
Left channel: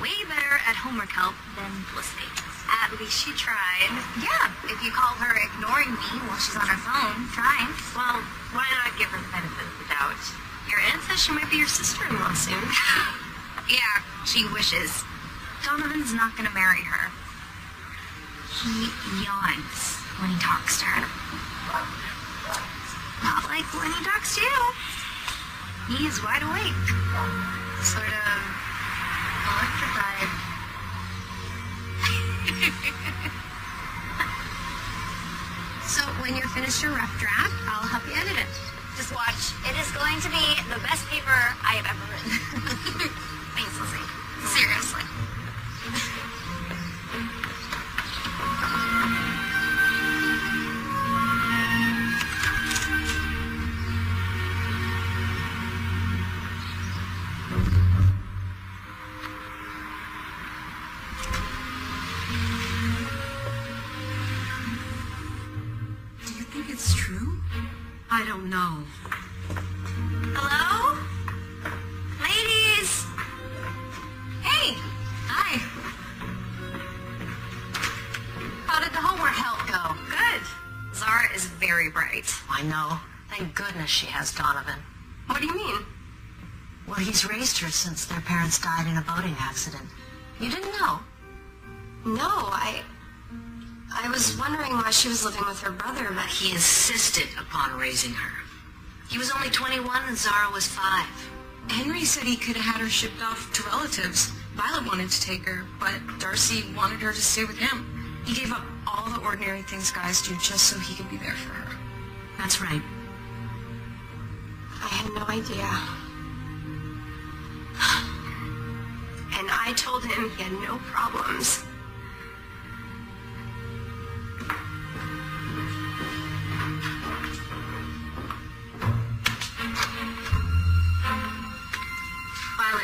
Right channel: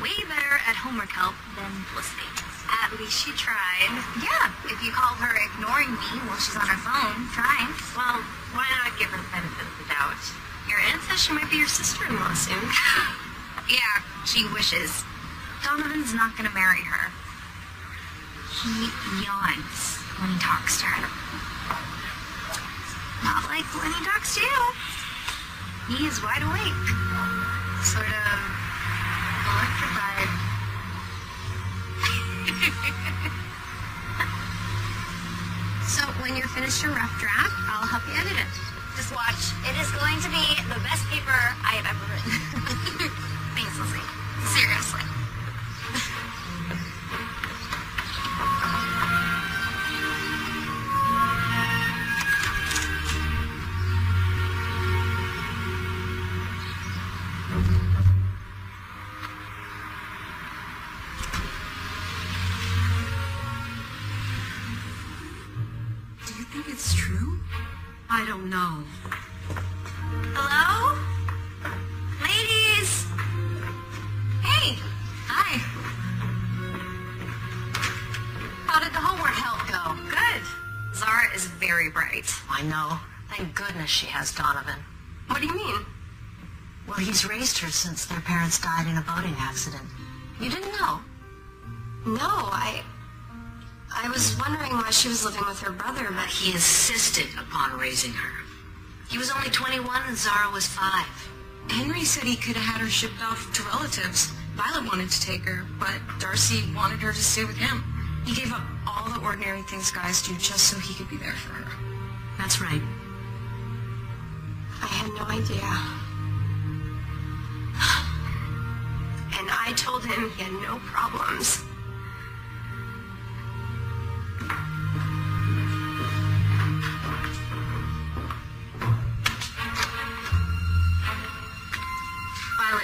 way better at homework help than Felicity. At least you tried. Yeah, if you call her ignoring me while she's on her phone, fine. Well, why not give her the benefit of the doubt? Your aunt says she might be your sister-in-law soon. Yeah, she wishes. Donovan's not going to marry her. He yawns when he talks to her. Not like when he talks to you. He's wide awake. Sort of electrified. So when you're finished your rough draft, I'll help you edit it. Just watch. It is going to be the best paper I have ever written. Thanks, Lizzie. Seriously. Do you think it's true? I don't know. Hello? Ladies! Hey! Hi. How did the homework help go? Good. Zara is very bright. I know. Thank goodness she has Donovan. What do you mean? Well, he's raised her since their parents died in a boating accident. You didn't know? No, I was wondering why she was living with her brother, but He insisted upon raising her. He was only 21 and Zara was 5. Henry said he could have had her shipped off to relatives. Violet wanted to take her, but Darcy wanted her to stay with him. He gave up all the ordinary things guys do just so he could be there for her. That's right. I had no idea. And I told him he had no problems.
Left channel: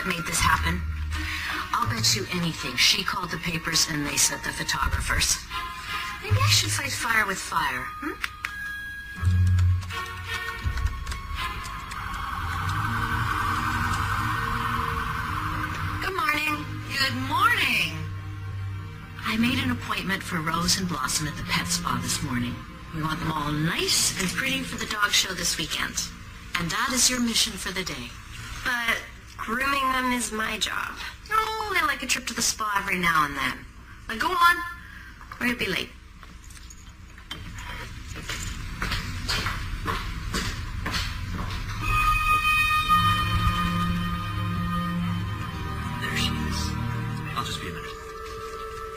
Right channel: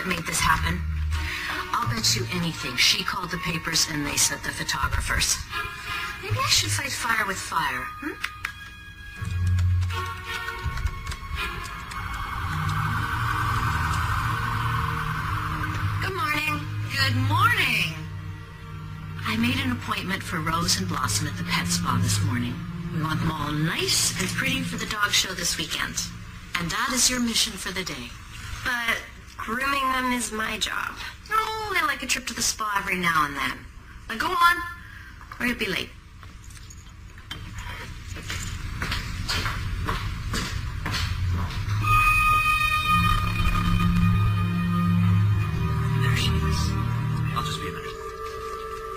that made this happen? I'll bet you anything she called the papers and they sent the photographers. Maybe I should fight fire with fire, Good morning. Good morning. I made an appointment for Rose and Blossom at the pet spa this morning. We want them all nice and pretty for the dog show this weekend. And that is your mission for the day. But grooming them is my job. Oh, I like a trip to the spa every now and then. Now go on, or you'll be late. There she is. I'll just be there.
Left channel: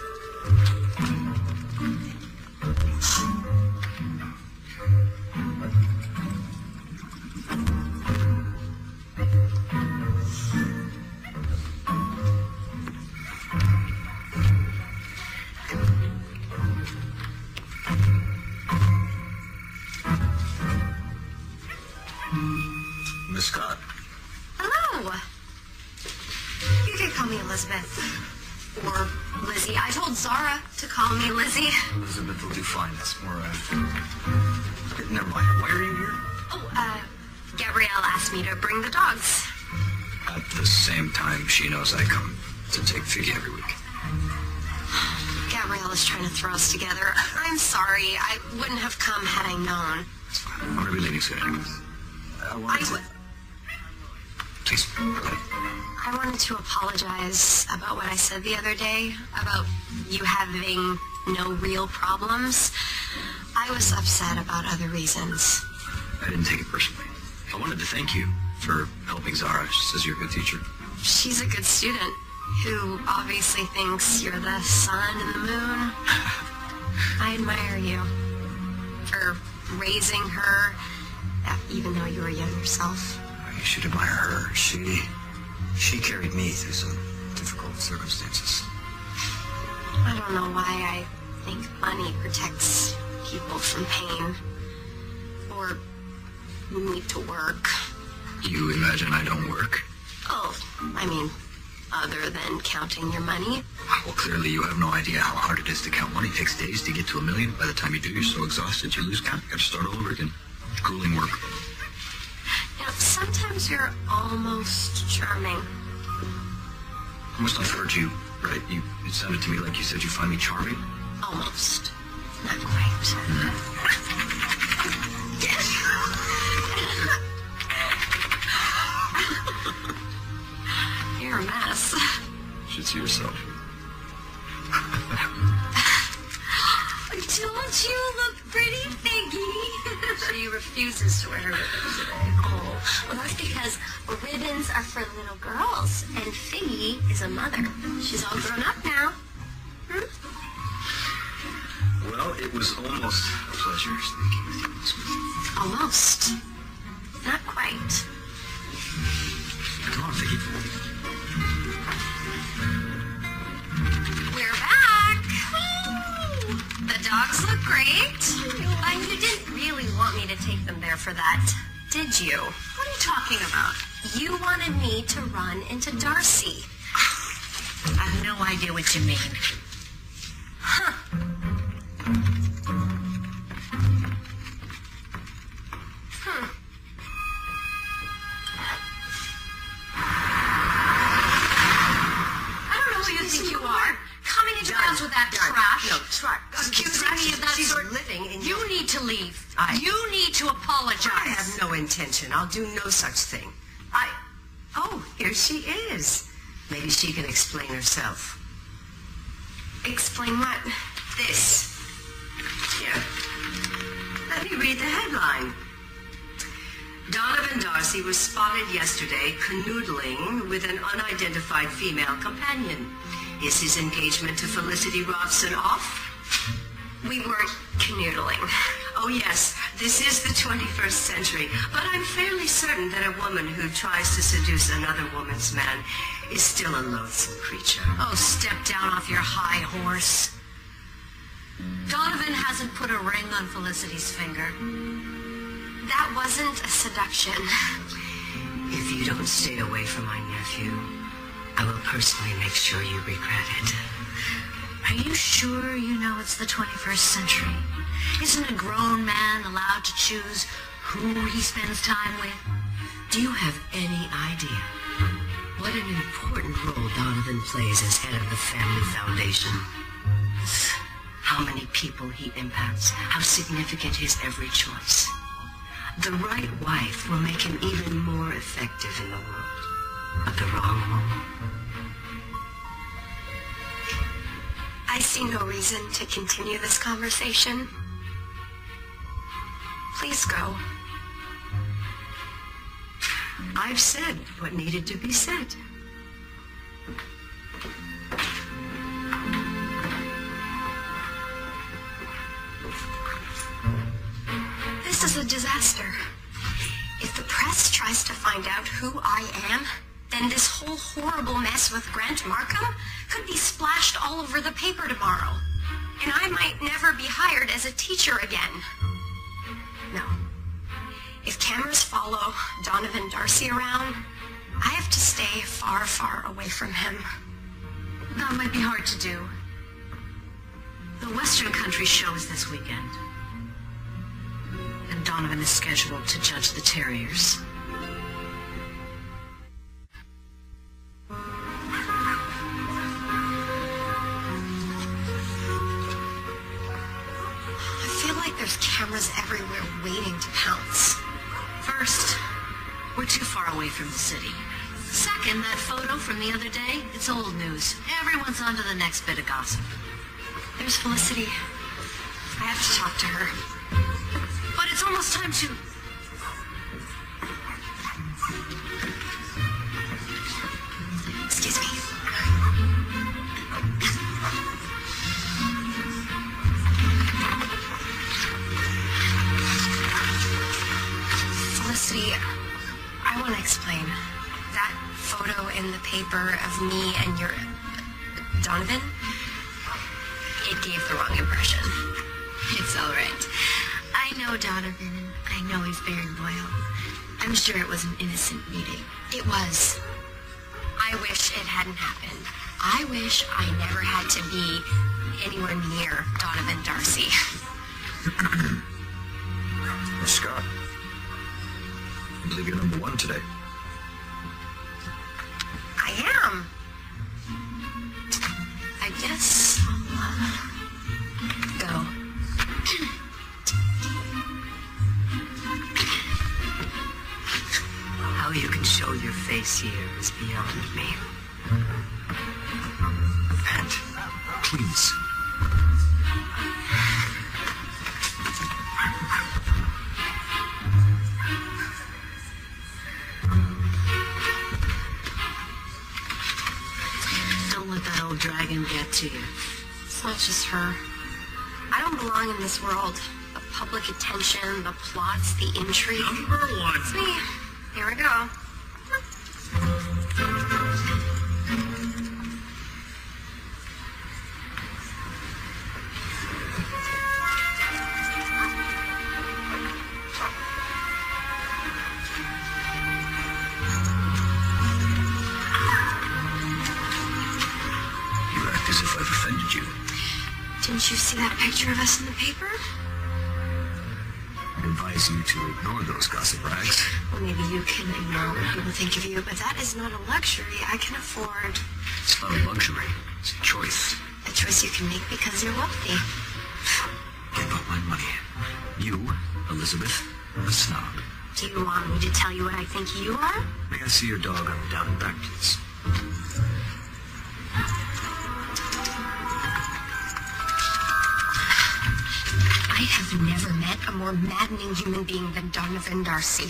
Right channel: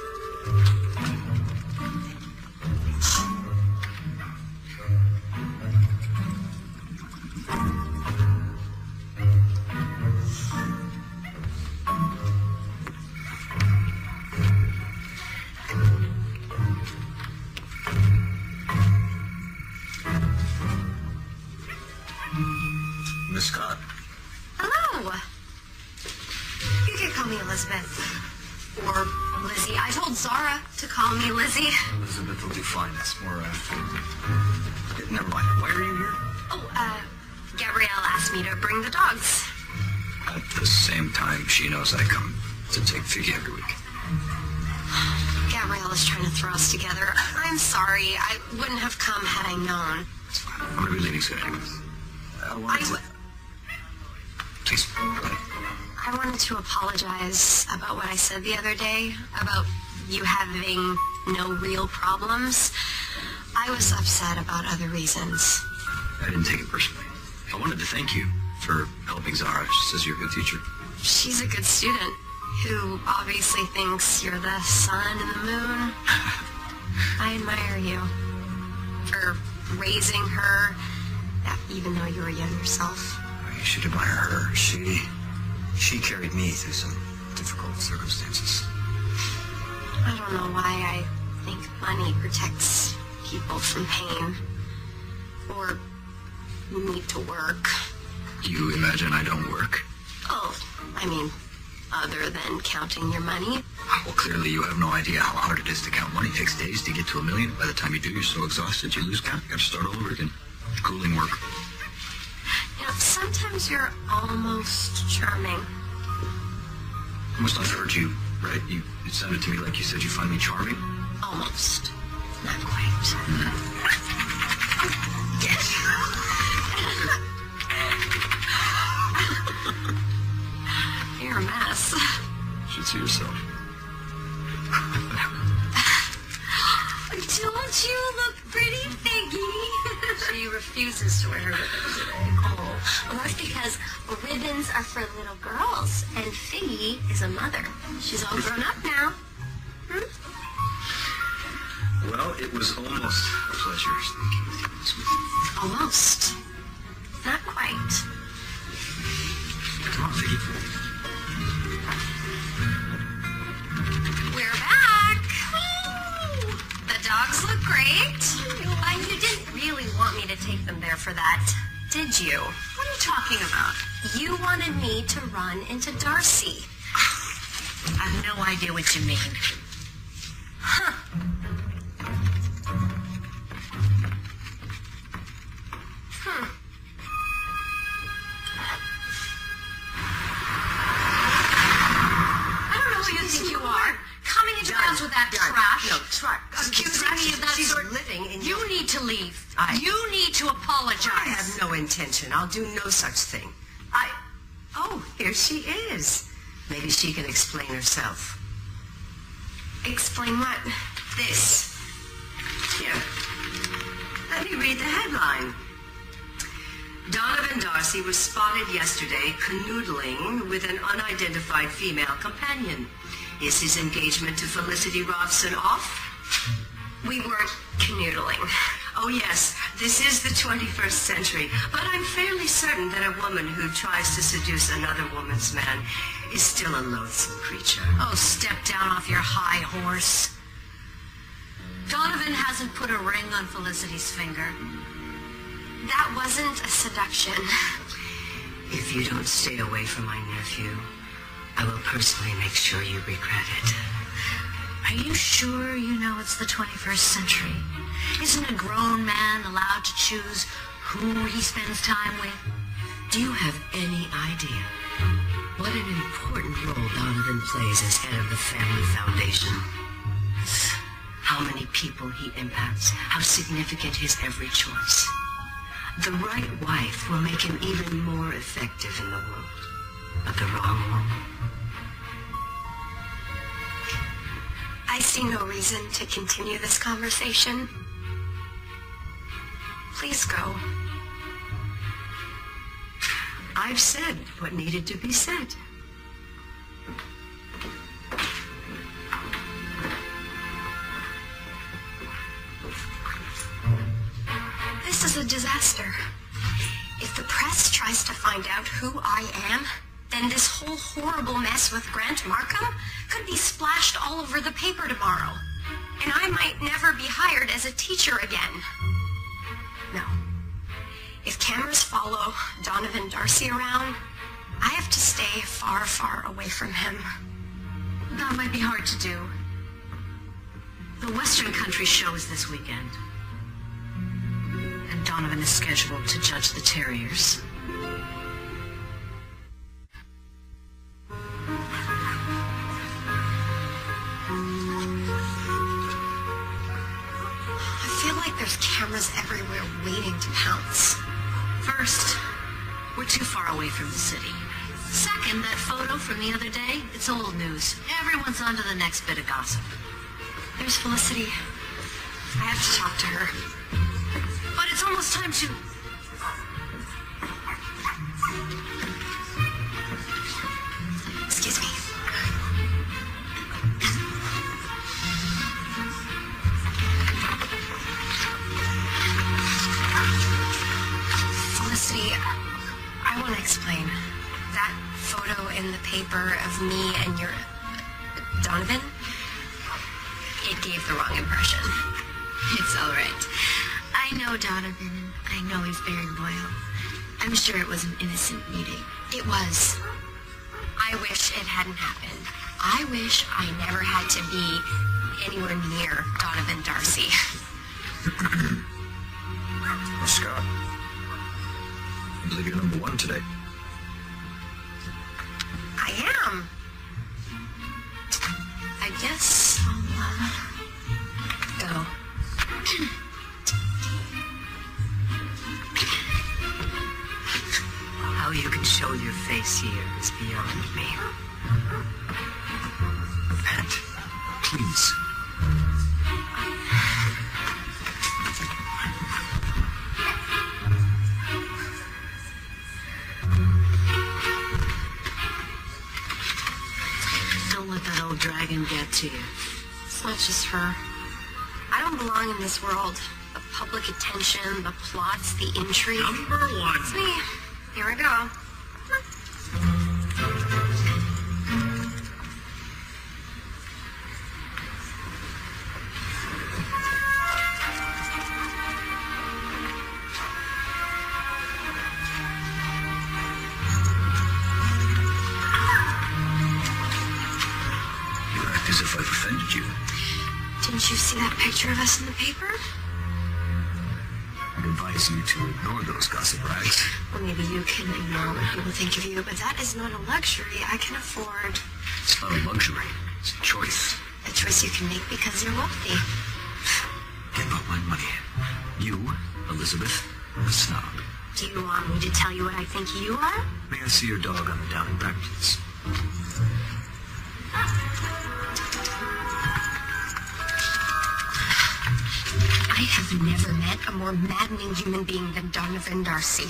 Miss Scott. Hello. You can call me Elizabeth. Or Lizzie. I told Zara to call me Lizzie. Elizabeth will do fine. That's more never mind. Why are you here? Oh, Gabrielle asked me to bring the dogs. At the same time, she knows I come to take Figgy every week. Gabrielle is trying to throw us together. I'm sorry. I wouldn't have come had I known. It's fine. Everything's good. I wanted to... Please. I wanted to apologize about what I said the other day, about you having no real problems. I was upset about other reasons. I didn't take it personally. I wanted to thank you for helping Zara. She says you're a good teacher. She's a good student who obviously thinks you're the sun and the moon. I admire you for raising her, even though you were young yourself. You should admire her. She carried me through some difficult circumstances. I don't know why I think money protects people from pain. Or you need to work. You imagine I don't work? Oh, I mean, other than counting your money. Well, clearly you have no idea how hard it is to count money. It takes days to get to $1 million. By the time you do, you're so exhausted you lose count. You gotta start all over again. Grueling work. You know, sometimes you're almost charming. I must have heard you, right? You sounded to me like you said you find me charming. Almost. Not quite. You're a mess. You should see yourself. Don't you look pretty, Figgy? She refuses to wear her ribbons today. Oh, well, that's because ribbons are for little girls, and Figgy is a mother. She's all grown up now. Well, it was almost a pleasure speaking with you this morning. Almost. Not quite. Come on, Vicky. We're back. The dogs look great. And you didn't really want me to take them there for that, did you? What are you talking about? You wanted me to run into Darcy. I have no idea what you mean. Huh. I don't know who you think you are. Coming into house with that trash. No, Accusing me of that She's sort. living in You your... need to leave. I- You need to apologize. I have no intention. I'll do no such thing. Oh, here she is. Maybe she can explain herself. Explain what? This. Yeah. Let me read the headline. Donovan Darcy was spotted yesterday canoodling with an unidentified female companion. Is his engagement to Felicity Robson off? We were canoodling. Oh yes, this is the 21st century, but I'm fairly certain that a woman who tries to seduce another woman's man is still a loathsome creature. Oh, step down off your high horse. Donovan hasn't put a ring on Felicity's finger. That wasn't a seduction. If you don't stay away from my nephew, I will personally make sure you regret it. Are you sure you know it's the 21st century? Isn't a grown man allowed to choose who he spends time with? Do you have any idea what an important role Donovan plays as head of the Family Foundation? How many people he impacts, how significant his every choice. The right wife will make him even more effective in the world, but the wrong woman. I see no reason to continue this conversation. Please go. I've said what needed to be said. This is a disaster. If the press tries to find out who I am, then this whole horrible mess with Grant Markham could be splashed all over the paper tomorrow. And I might never be hired as a teacher again. No. If cameras follow Donovan Darcy around, I have to stay far, far away from him. That might be hard to do. The Western Country show is this weekend. And Donovan is scheduled to judge the Terriers. I feel like there's cameras everywhere waiting to pounce. First, we're too far away from the city. Second, that photo from the other day, it's old news. Everyone's on to the next bit of gossip. There's Felicity. I have to talk to her. But it's almost time to... Excuse me. Felicity, I want to explain. That photo in the paper of me and your Donovan, it gave the wrong impression. It's all right. I know Donovan. I know he's very loyal. I'm sure it was an innocent meeting. It was. I wish it hadn't happened. I wish I never had to be anywhere near Donovan Darcy. Miss Scott, I believe you're number one today. I am. I guess I'll go. How you can show your face here is beyond me. And, please. Don't let that old dragon get to you. It's not just her. I don't belong in this world. The public attention, the plots, the intrigue. Number one. It's me. Here we go. You act as if I've offended you. Didn't you see that picture of us in the paper? I'd advise you to ignore those gossip rags. Well, maybe you can ignore what people think of you, but that is not a luxury I can afford. It's not a luxury. It's a choice. A choice you can make because you're wealthy. Get about my money. You, Elizabeth, a snob. Do you want me to tell you what I think you are? May I see your dog on the down and back, please? I have never met a more maddening human being than Donovan Darcy.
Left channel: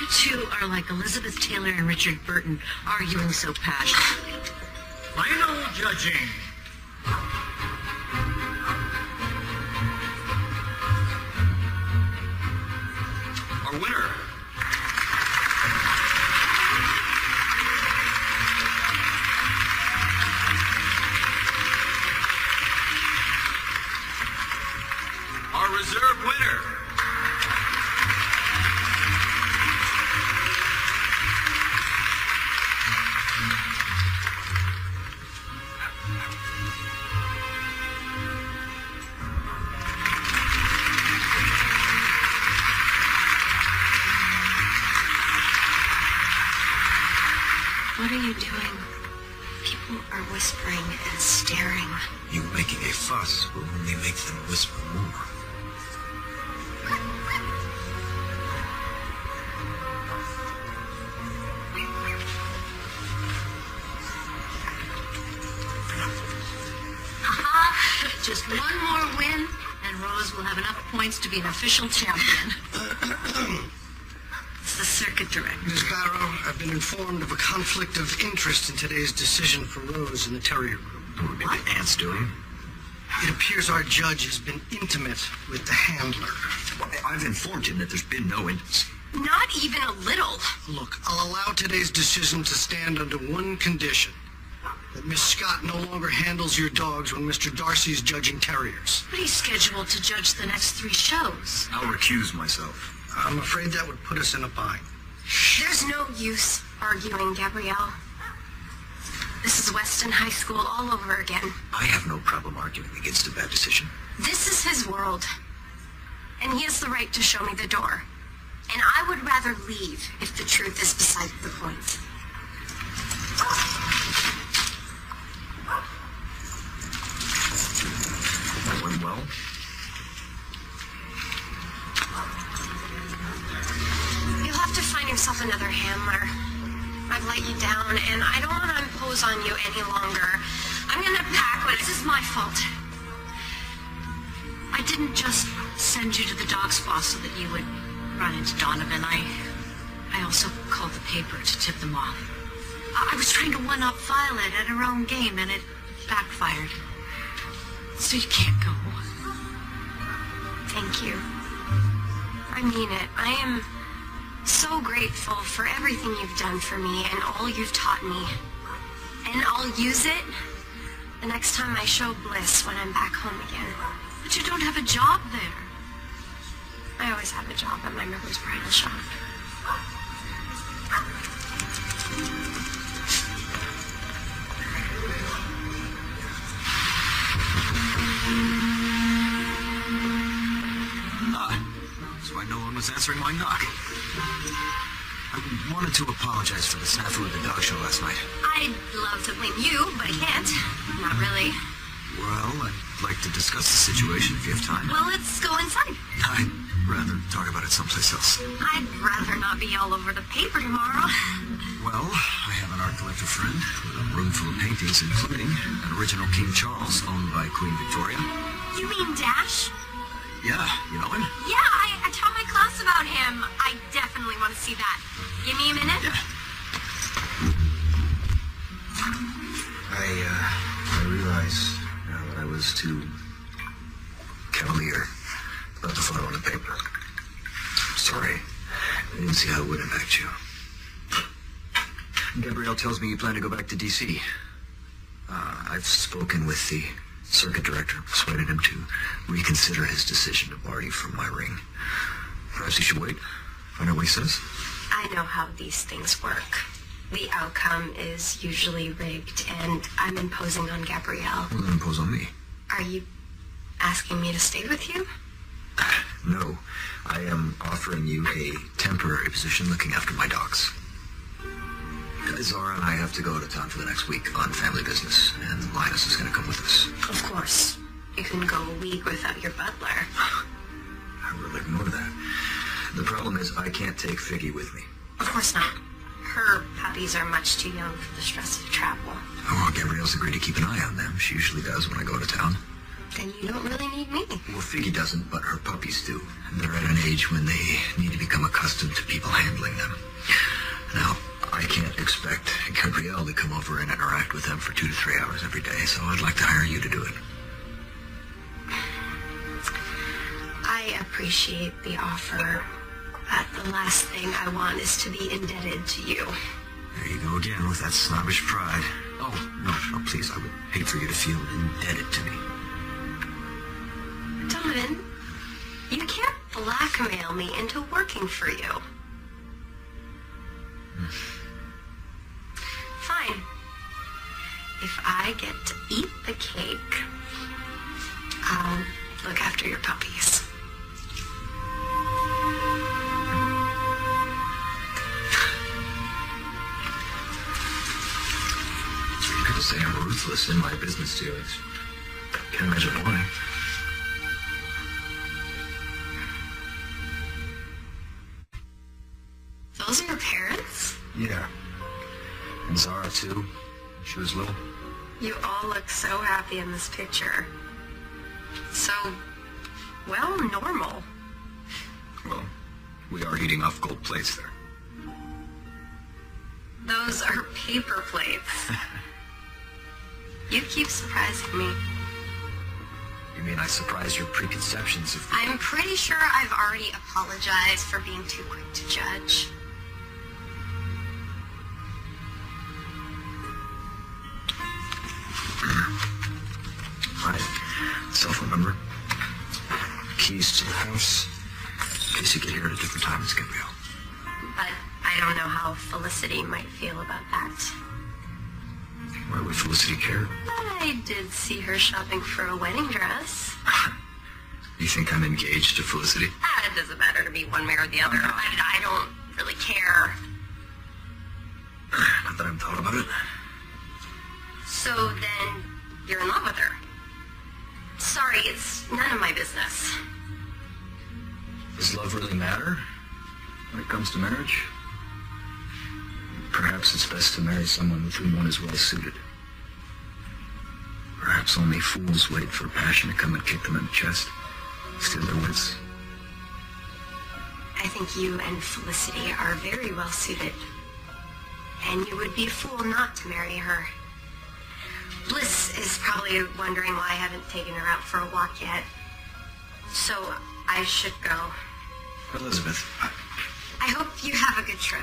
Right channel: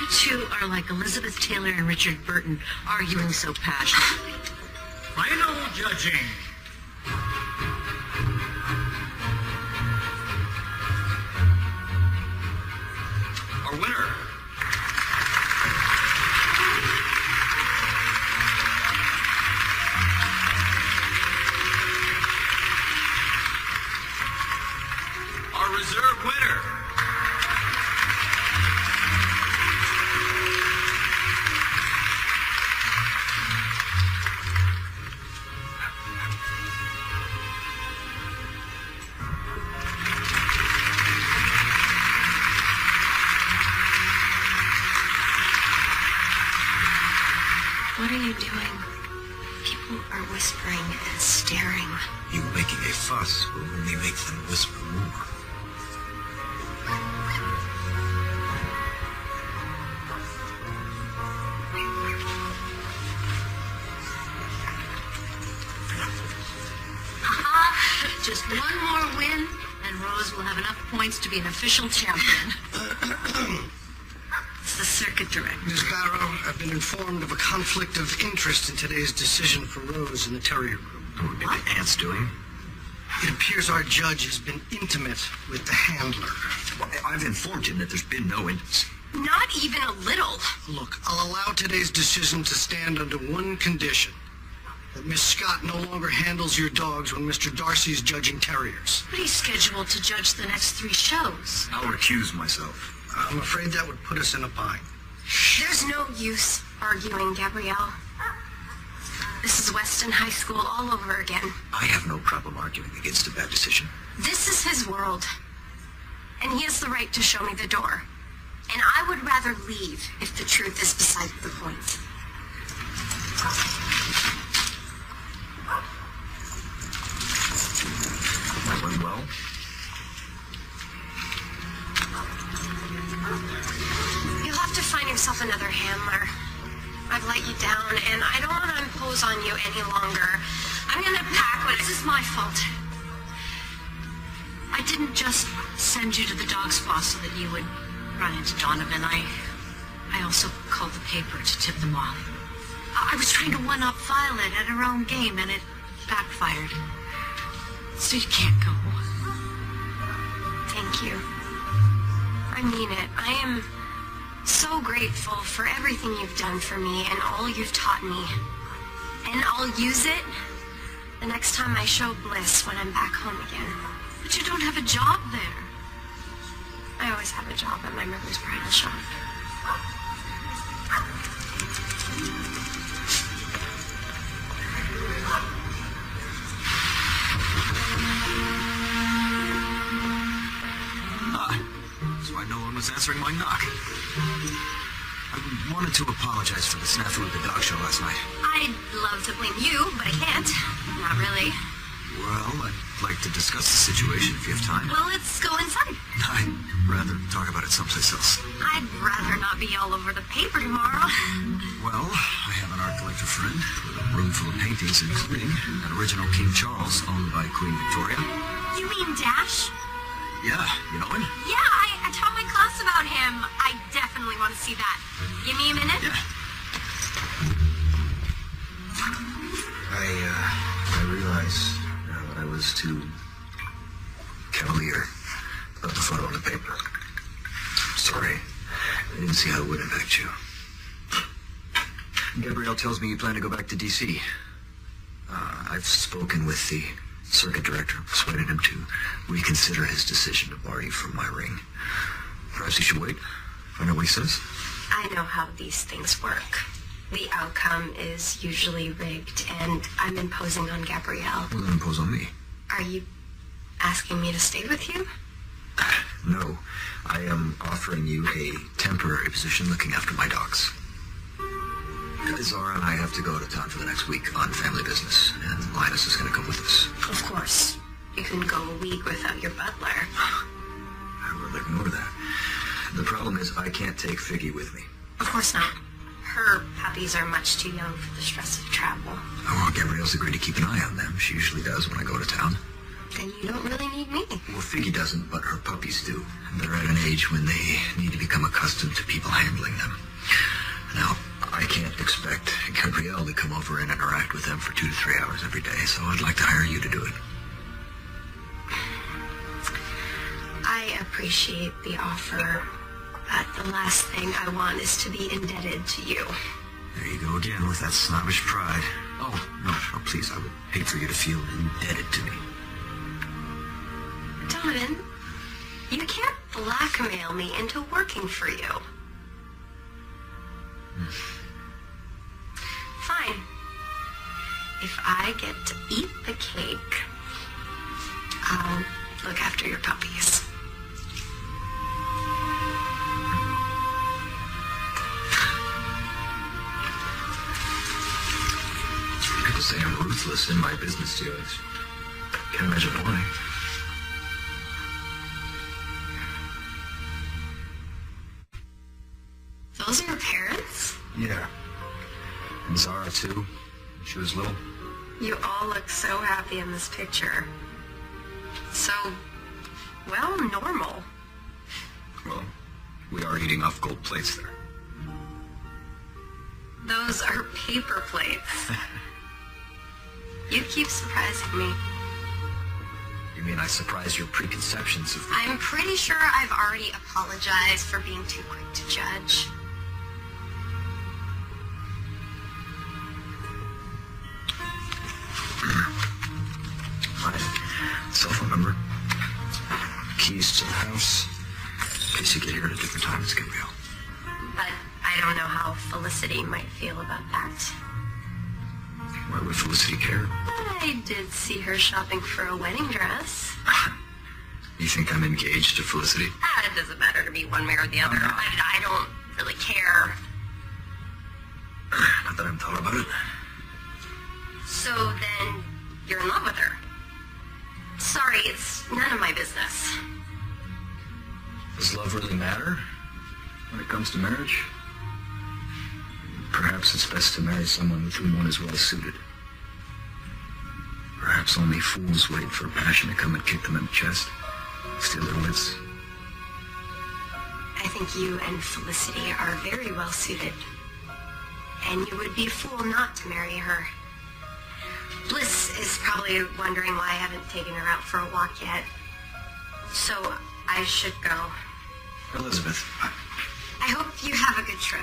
You two are like Elizabeth Taylor and Richard Burton arguing so passionately. Final judging. Our winner. Our reserve winner. are whispering and staring. You making a fuss will only make them whisper more. Just one more win, and Rose will have enough points to be an official champion. It's the circuit director. Ms. Barrow, I've been informed of a conflict of interest in today's decision for Rose in the Terrier Room. Maybe Aunt's doing. It appears our judge has been intimate with the handler. Well, I've informed him that there's been no intimacy. Not even a little. Look, I'll allow today's decision to stand under one condition. That Miss Scott no longer handles your dogs when Mr. Darcy's judging terriers. But he's scheduled to judge the next 3 shows. I'll recuse myself. I'm afraid that would put us in a bind. There's no use arguing, Gabrielle. This is Weston High School all over again. I have no problem arguing against a bad decision. This is his world. And he has the right to show me the door. And I would rather leave if the truth is beside the point. Very well. You'll have to find yourself another handler. I've let you down, and I don't want to impose on you any longer. I'm gonna pack, but this is my fault. I didn't just send you to the dog spa so that you would run into Donovan. I also called the paper to tip them off. I was trying to one-up Violet at her own game, and it backfired. So you can't go. Thank you. I mean it. I am so grateful for everything you've done for me and all you've taught me. And I'll use it the next time I show Bliss when I'm back home again. But you don't have a job there. I always have a job at my mother's bridal shop. So I no one was answering my knock. I wanted to apologize for the snafu at the dog show last night. I'd love to blame you, but I can't. Not really. Well, I'd like to discuss the situation if you have time. Well, let's go inside. I'd rather talk about it someplace else. I'd rather not be all over the paper tomorrow. Well, I have an art collector friend, a room full of paintings including an original King Charles owned by Queen Victoria. You mean Dash? Yeah, you know him? Yeah, I taught my class about him. I definitely want to see that. Give me a minute? Yeah. I realized that I was too cavalier about the photo on the paper. Sorry. I didn't see how it would impact you. Gabrielle tells me you plan to go back to D.C. I've spoken with the circuit director, persuaded him to reconsider his decision to bar you from my ring. Perhaps he should wait. You know what he says? I know how these things work. The outcome is usually rigged, and I'm imposing on Gabrielle. Well, then impose on me. Are you asking me to stay with you? No. I am offering you a temporary position looking after my dogs. Zara and I have to go to town for the next week on family business, and Linus is going to come with us. Of course. You can go a week without your butler. I will ignore that. The problem is I can't take Figgy with me. Of course not. Her puppies are much too young for the stress of travel. Oh, well, Gabrielle's agreed to keep an eye on them. She usually does when I go to town. And you don't really need me. Well, Figgy doesn't, but her puppies do. They're at an age when they need to become accustomed to people handling them. Now, I can't expect Gabrielle to come over and interact with them for 2 to 3 hours every day, so I'd like to hire you to do it. I appreciate the offer, but the last thing I want is to be indebted to you. There you go again with that snobbish pride. Oh, no, please, I would hate for you to feel indebted to me. Donovan, you can't blackmail me into working for you. Fine. If I get to eat the cake, I'll look after your puppies. say I'm ruthless in my business dealings. Can't imagine why. Those are your parents? Yeah. And Zara, too. She was little. You all look so happy in this picture. So, well, normal. Well, we are eating off gold plates there. Those are paper plates. You keep surprising me. You mean I surprise your preconceptions of... I'm pretty sure I've already apologized for being too quick to judge. My cell phone number, keys to the house, in case you get here at a different time, it's Gabrielle. But I don't know how Felicity might feel about that. Well, Felicity care? I did see her shopping for a wedding dress. You think I'm engaged to Felicity? It doesn't matter to me one way or the other. I don't really care. Not that I'm thought about it. So then, you're in love with her. Sorry, it's none of my business. Does love really matter when it comes to marriage? Perhaps it's best to marry someone with whom one is well suited. Perhaps only fools wait for passion to come and kick them in the chest, steal their wits. I think you and Felicity are very well suited. And you would be a fool not to marry her. Bliss is probably wondering why I haven't taken her out for a walk yet. So I should go. Elizabeth. I hope you have a good trip.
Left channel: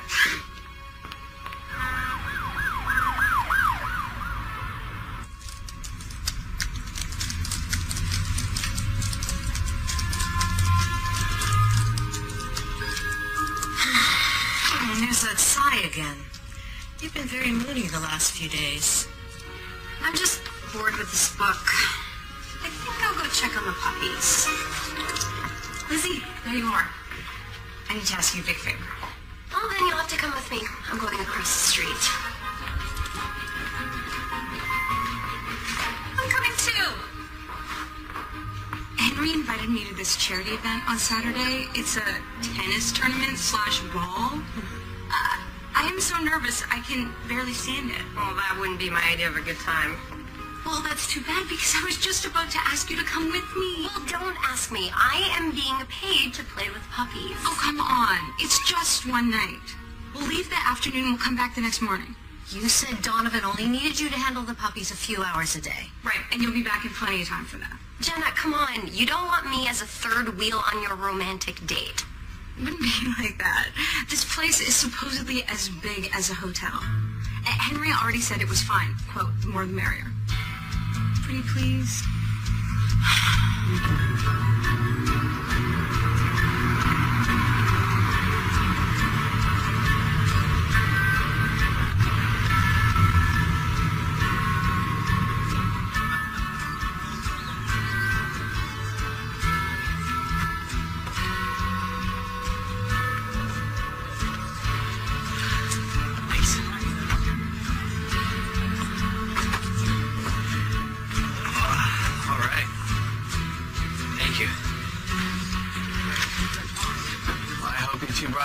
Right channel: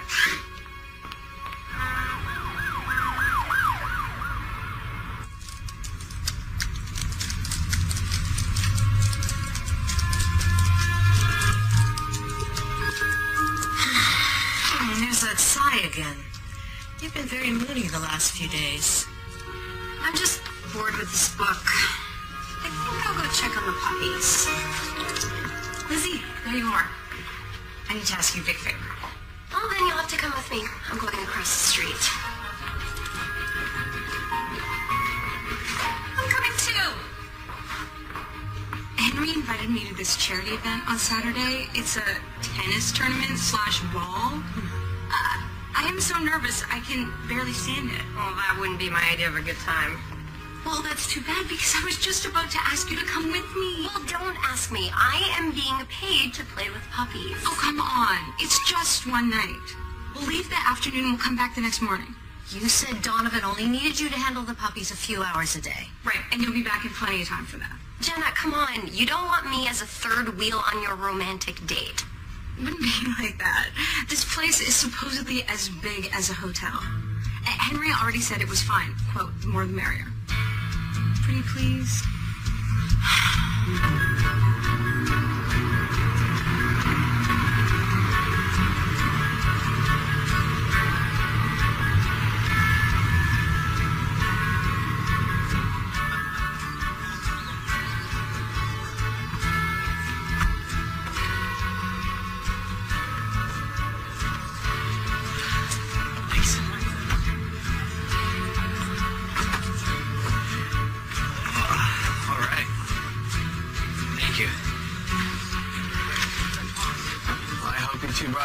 There's that sigh again. You've been very moody the last few days. I'm just bored with this book. I think I'll go check on the puppies. Lizzie, there you are. I need to ask you a big favor. Oh, then you'll have to come with me. I'm going across the street. I'm coming too. Henry invited me to this charity event on Saturday. It's a tennis tournament / ball. I am so nervous I can barely stand it. Well, that wouldn't be my idea of a good time. Well, that's too bad because I was just about to ask you to come with me. Well, don't ask me. I am being paid to play with puppies. Oh, come on. It's just one night. We'll leave that afternoon and come back the next morning. You said Donovan only needed you to handle the puppies a few hours a day. Right, and you'll be back in plenty of time for that. Jenna, come on. You don't want me as a third wheel on your romantic date. It wouldn't be like that. This place is supposedly as big as a hotel. Henry already said it was fine. Quote, the more the merrier. Pretty please?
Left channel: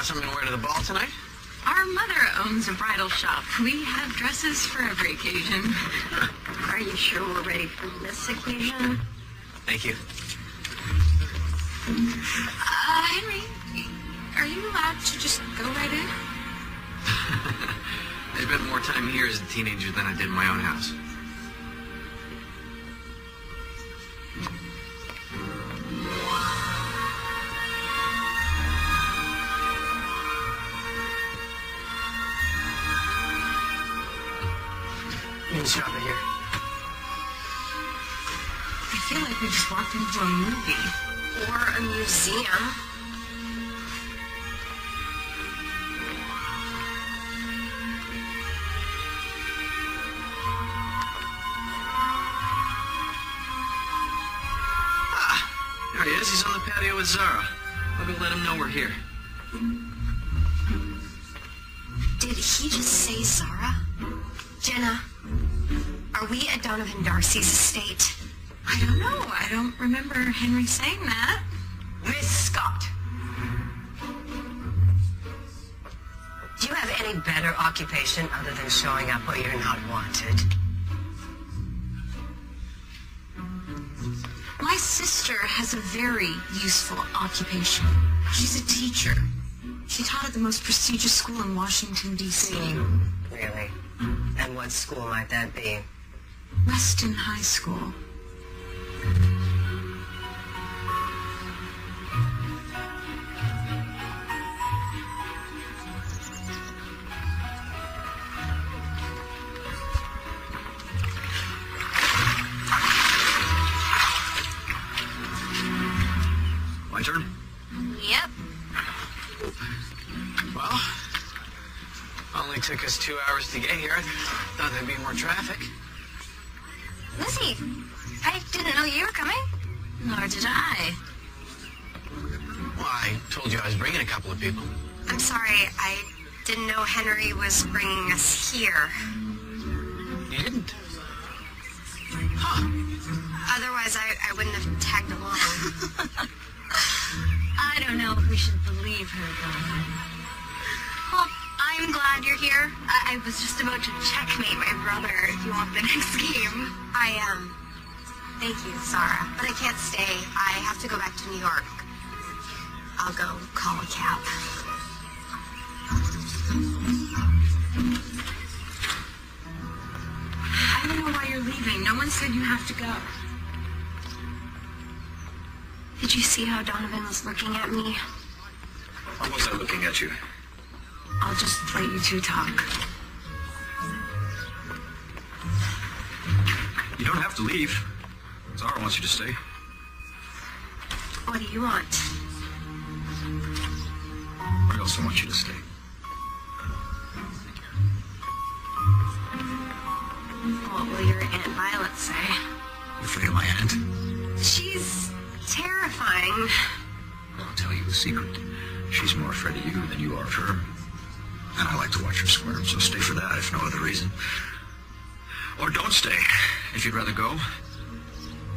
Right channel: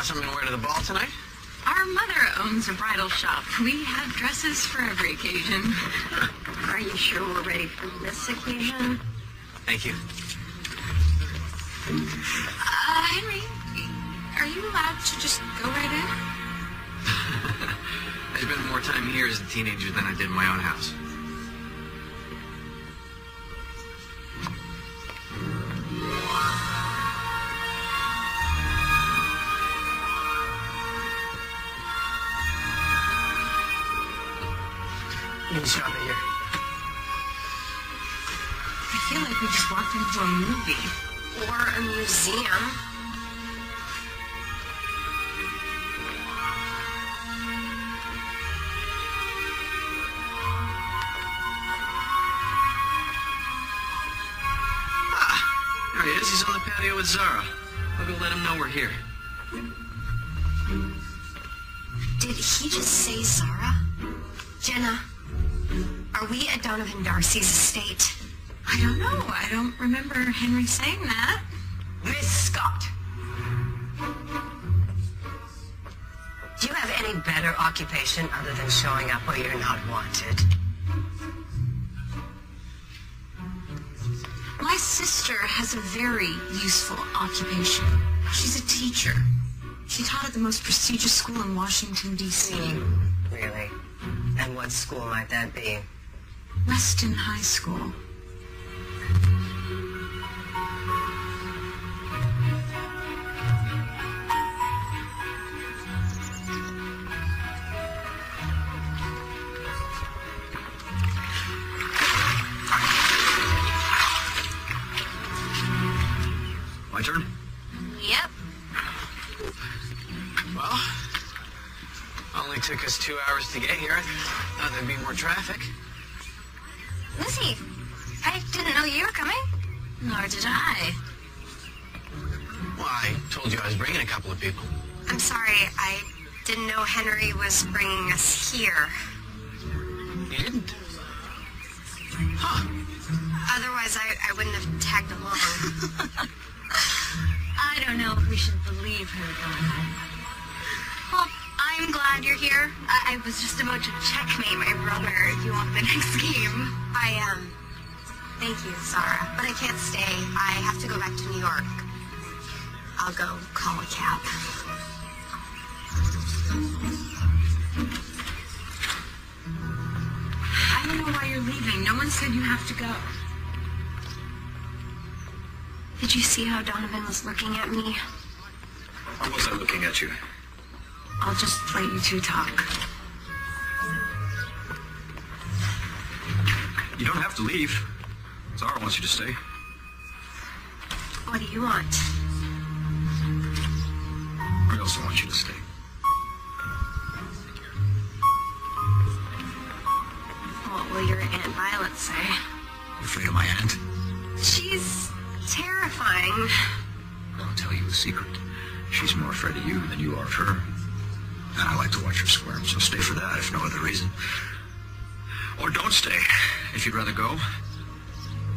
Something to wear to the ball tonight? Our mother owns a bridal shop. We have dresses for every occasion. Are you sure we're ready for this occasion? Thank you. Henry, are you allowed to just go right in? I spent more time here as a teenager than I did in my own house. Shot me here. I feel like we just walked into a movie. Or a museum. There he is. He's on the patio with Zara. I'll go let him know we're here. Did he just say Zara? Jenna, Are we at Donovan Darcy's estate? I don't know. I don't remember Henry saying that. Miss Scott. Do you have any better occupation other than showing up where you're not wanted? My sister has a very useful occupation. She's a teacher. She taught at the most prestigious school in Washington, D.C. Really? And what school might that be? Weston High School. My turn? Yep. Well, only took us 2 hours to get here. Thought there'd be more traffic. Lizzie, I didn't know you were coming. Nor did I. Well, I told you I was bringing a couple of people. I'm sorry, I didn't know Henry was bringing us here. You didn't? Otherwise, I wouldn't have tagged along. I don't know if we should believe her. Well, I'm glad you're here. I was just about to checkmate my brother if you want the next game. Thank you, Sarah. But I can't stay. I have to go back to New York. I'll go call a cab. I don't know why you're leaving. No one said you have to go. Did you see how Donovan was looking at me? I wasn't looking at you. I'll just let you two talk. You don't have to leave. Zara wants you to stay. What do you want? I also want you to stay. What will your Aunt Violet say? You afraid of my aunt? She's terrifying. Let me tell you a secret. She's more afraid of you than you are of her. And I like to watch her squirm, so stay for that if no other reason. Or don't stay, if you'd rather go.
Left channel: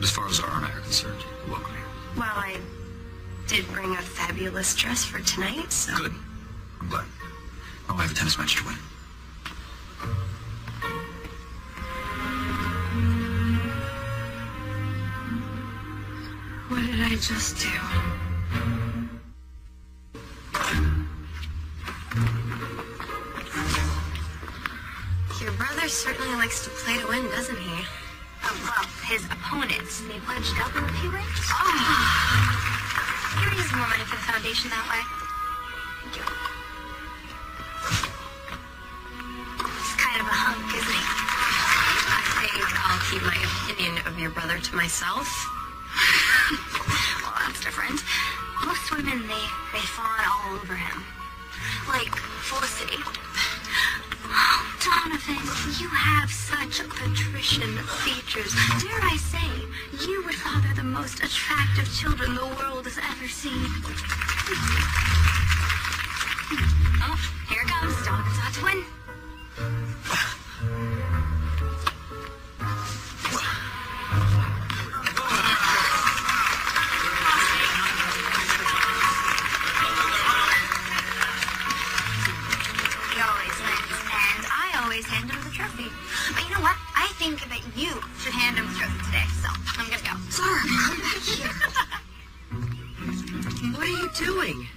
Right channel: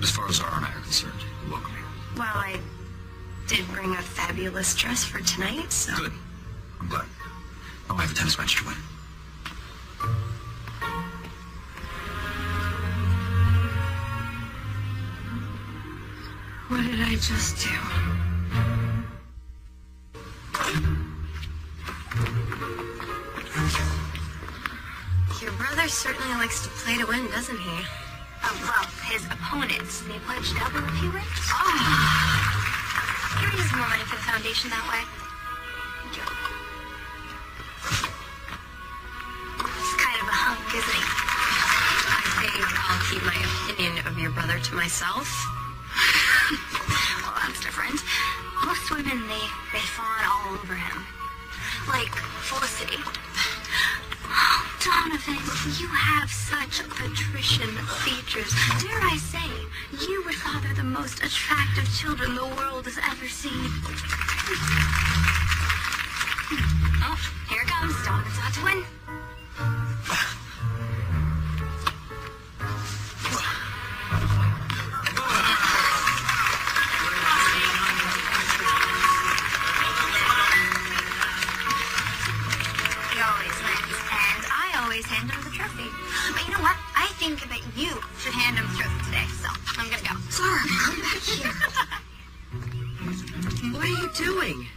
As far as Zara and I are concerned, you're welcome. Well, I did bring a fabulous dress for tonight, so... Good. I'm glad. Oh, I have a tennis match to win. What did I just do? Your brother certainly likes to play to win, doesn't he? Well, his opponents. They pledged up in a few weeks. Oh. You're raising more money for the foundation that way. He's kind of a hunk, isn't he? I think I'll keep my opinion of your brother to myself. Well, that's different. Most women, they fawn all over him. Like Felicity. Donovan, you have such patrician features. Dare I say, you would father the most attractive children the world has ever seen. Oh, here it comes. Don't to win. Hand him the trophy. But you know what? I think that you should hand him the trophy today, so I'm gonna go. Sorry, come back here. What are you doing?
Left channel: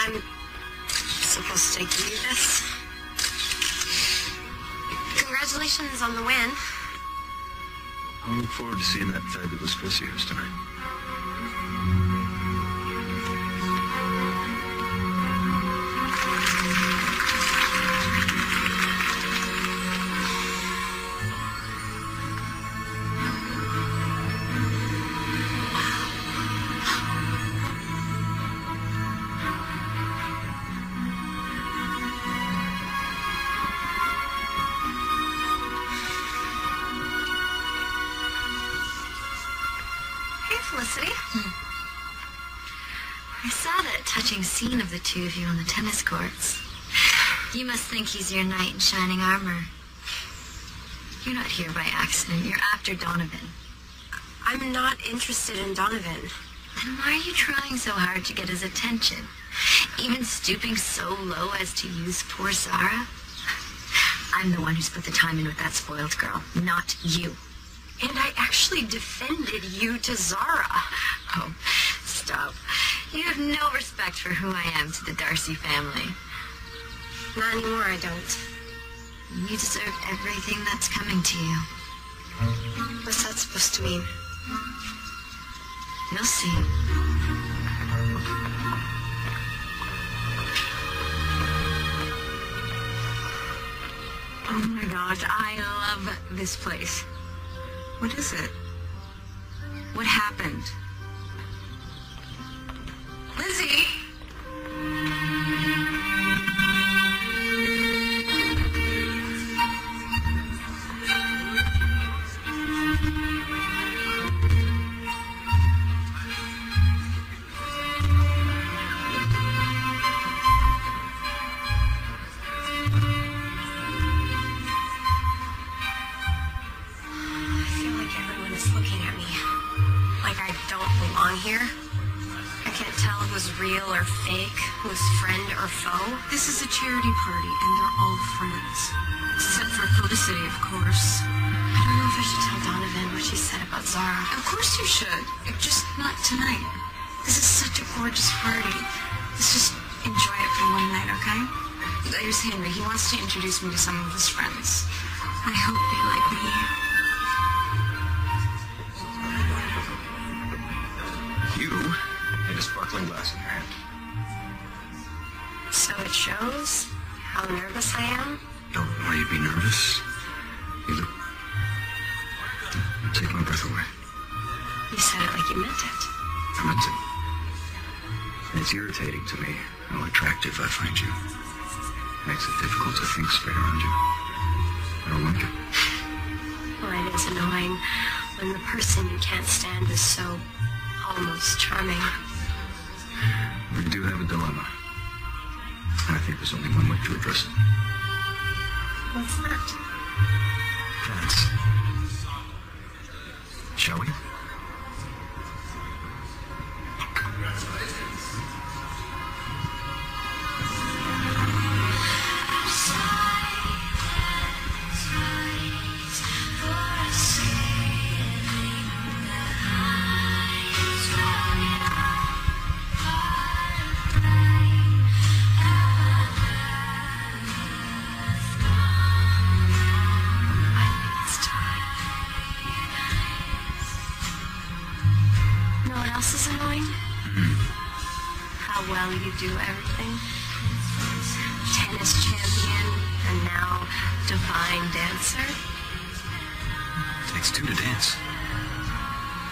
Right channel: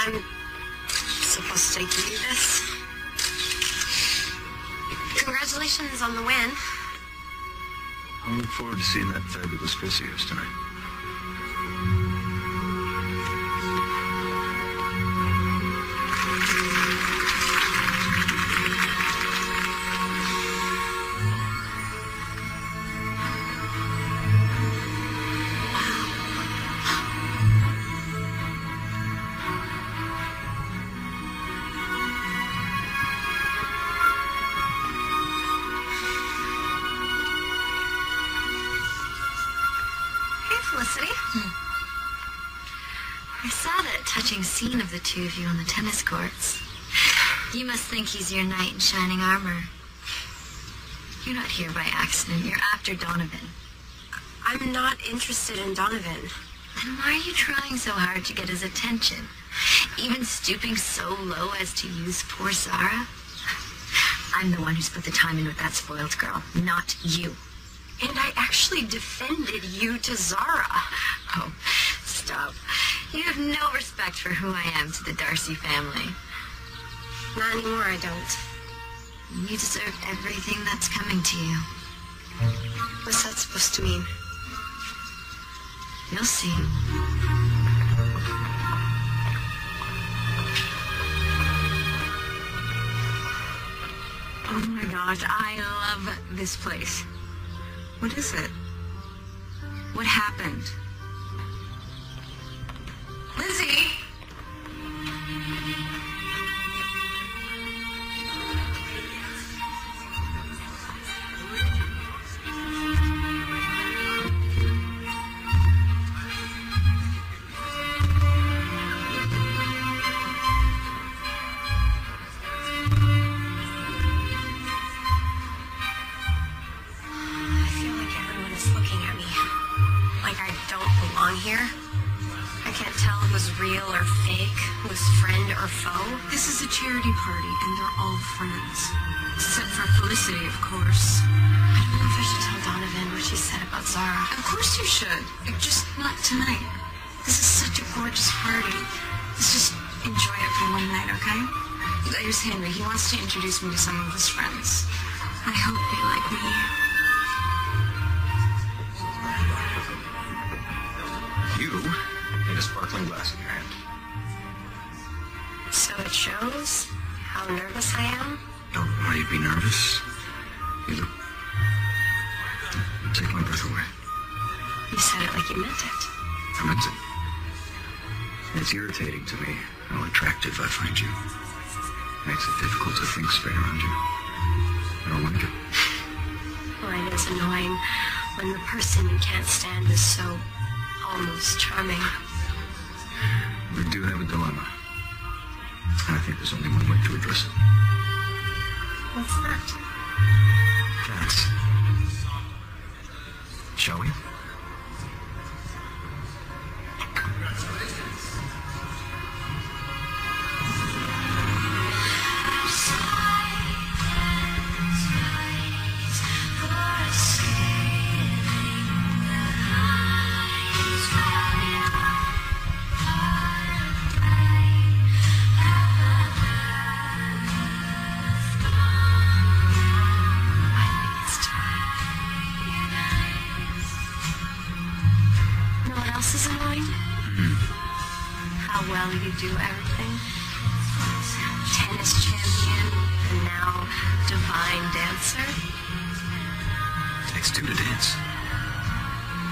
I'm supposed to give you this. Congratulations on the win. I look forward to seeing that fabulous dress of yours tonight. Felicity. I saw that touching scene of the two of you on the tennis courts. You must think he's your knight in shining armor. You're not here by accident. You're after Donovan. I'm not interested in Donovan. Then why are you trying so hard to get his attention? Even stooping so low as to use poor Zara? I'm the one who's put the time in with that spoiled girl, not you. And I actually defended you to Zara. Oh, stop. You have no respect for who I am to the Darcy family. Not anymore, I don't. You deserve everything that's coming to you. What's that supposed to mean? You'll see. Oh my gosh, I love this place. What is it? What happened? Lindsay! Real or fake, who's friend or foe. This is a charity party, and they're all friends. Except for Felicity, of course. I don't know if I should tell Donovan what she said about Zara. Of course you should. Just not tonight. This is such a gorgeous party. Let's just enjoy it for one night, okay? There's Henry. He wants to introduce me to some of his friends. I hope they like me. You get a sparkling glass in your hand. So it shows how nervous I am? Don't know why you'd be nervous. You take my breath away. You said it like you meant it. I meant it. It's irritating to me how attractive I find you. Makes it difficult to think straight around you. I don't like it. Well, it is annoying when the person you can't stand is so almost charming. We do have a dilemma. I think there's only one way to address it. What's that? Dance. Shall we? Do everything. Tennis champion, and now divine dancer. Takes two to dance.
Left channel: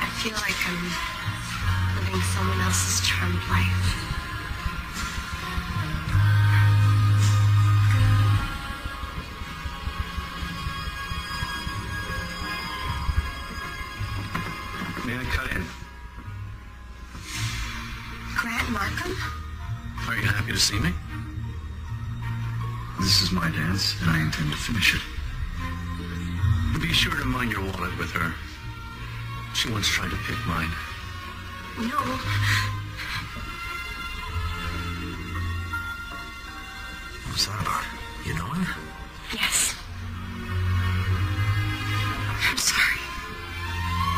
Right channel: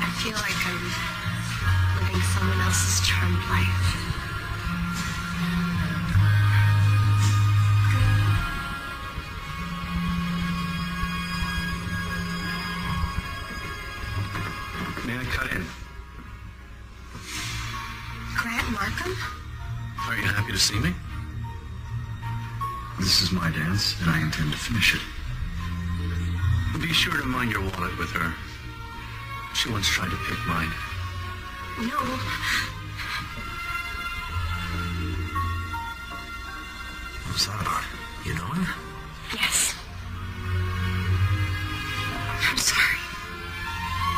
I feel like I'm living someone else's charmed life. May I cut in? Grant Markham? Are you happy to see me? This is my dance, and I intend to finish it. Be sure to mind your wallet with her. She once tried to pick mine. No. What's that about? You know her? Yes. I'm sorry.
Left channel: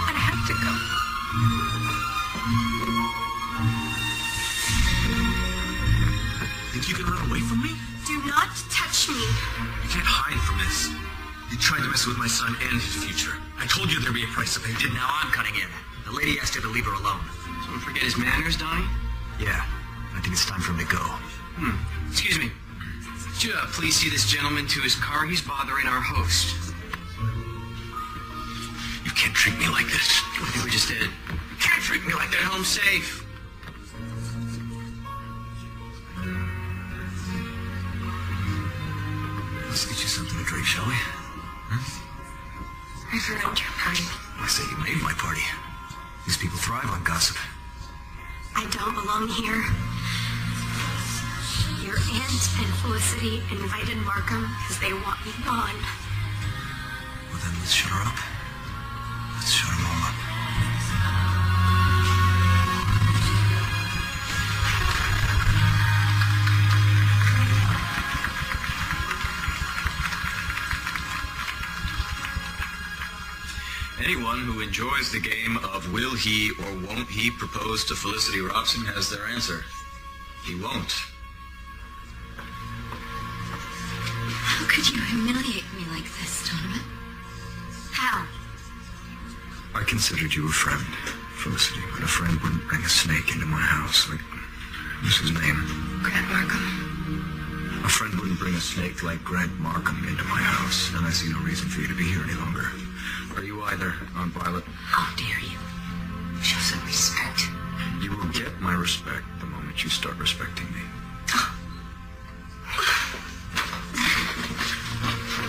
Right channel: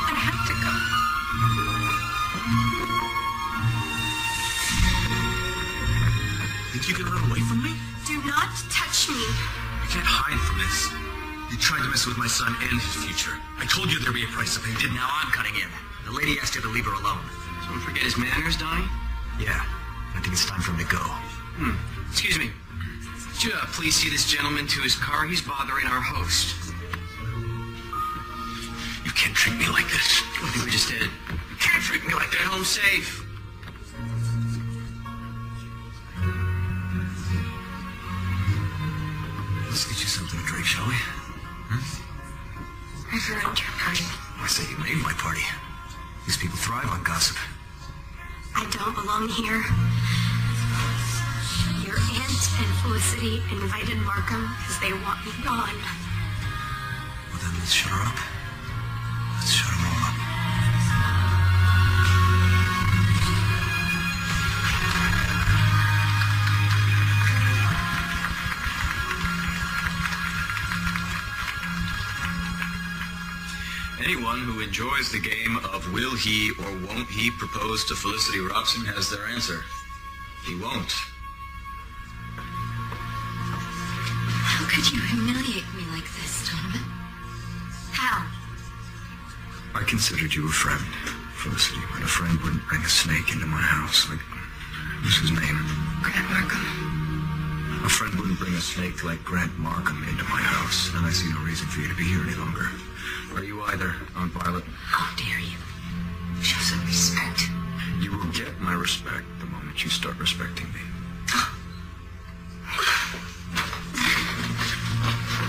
I have to go. You can run away from me? Do not touch me. I can't hide from this. You tried to mess with my son and his future. I told you there'd be a price to pay. And now I'm cutting in. The lady asked you to leave her alone. So forget his manners, Donnie? Yeah, I think it's time for him to go. Excuse me. Could you please see this gentleman to his car? He's bothering our host. You can't treat me like this. I just did. You can't treat me like Get that. home safe. Let's get you something to drink, shall we? I've ruined your party. I say you made my party. These people thrive on gossip. I don't belong here. Your aunt and Felicity invited Markham because they want me gone. Well, then let's shut her up. Let's shut them all up. Anyone who enjoys the game of will he or won't he propose to Felicity Robson has their answer. He won't. How could you humiliate me like this, Donovan? How? I considered you a friend, Felicity, but a friend wouldn't bring a snake into my house. Like, what's his name? Grant Markham. A friend wouldn't bring a snake like Grant Markham into my house, and I see no reason for you to be here any longer. Or you either, Aunt Violet. How dare you? Show some respect. You will get my respect the moment you start respecting me.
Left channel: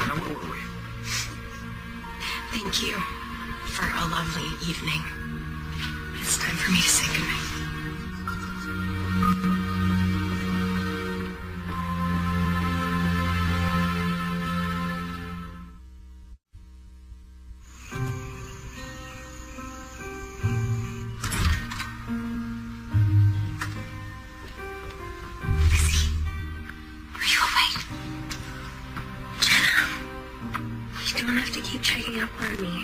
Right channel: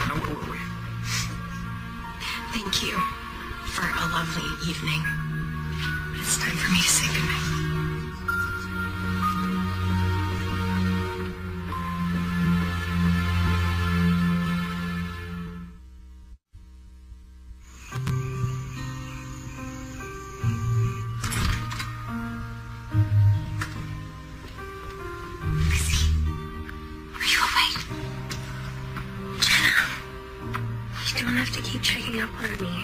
Now, wait. Thank you for a lovely evening. It's time for me to say goodnight.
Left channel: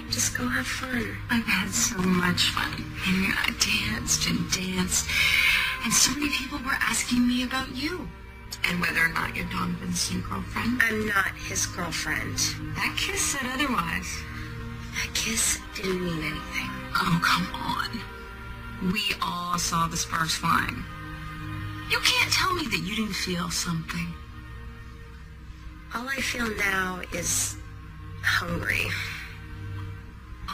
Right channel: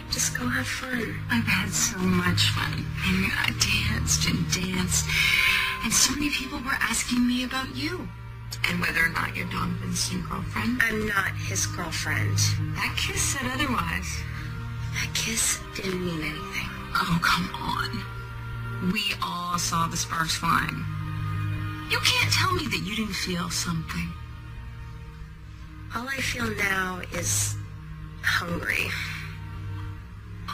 Just go have fun. I've had so much fun. And I danced and danced. And so many people were asking me about you. And whether or not you're Donovan's new girlfriend. I'm not his girlfriend. That kiss said otherwise. That kiss didn't mean anything. Oh, come on. We all saw the sparks flying. You can't tell me that you didn't feel something. All I feel now is hungry.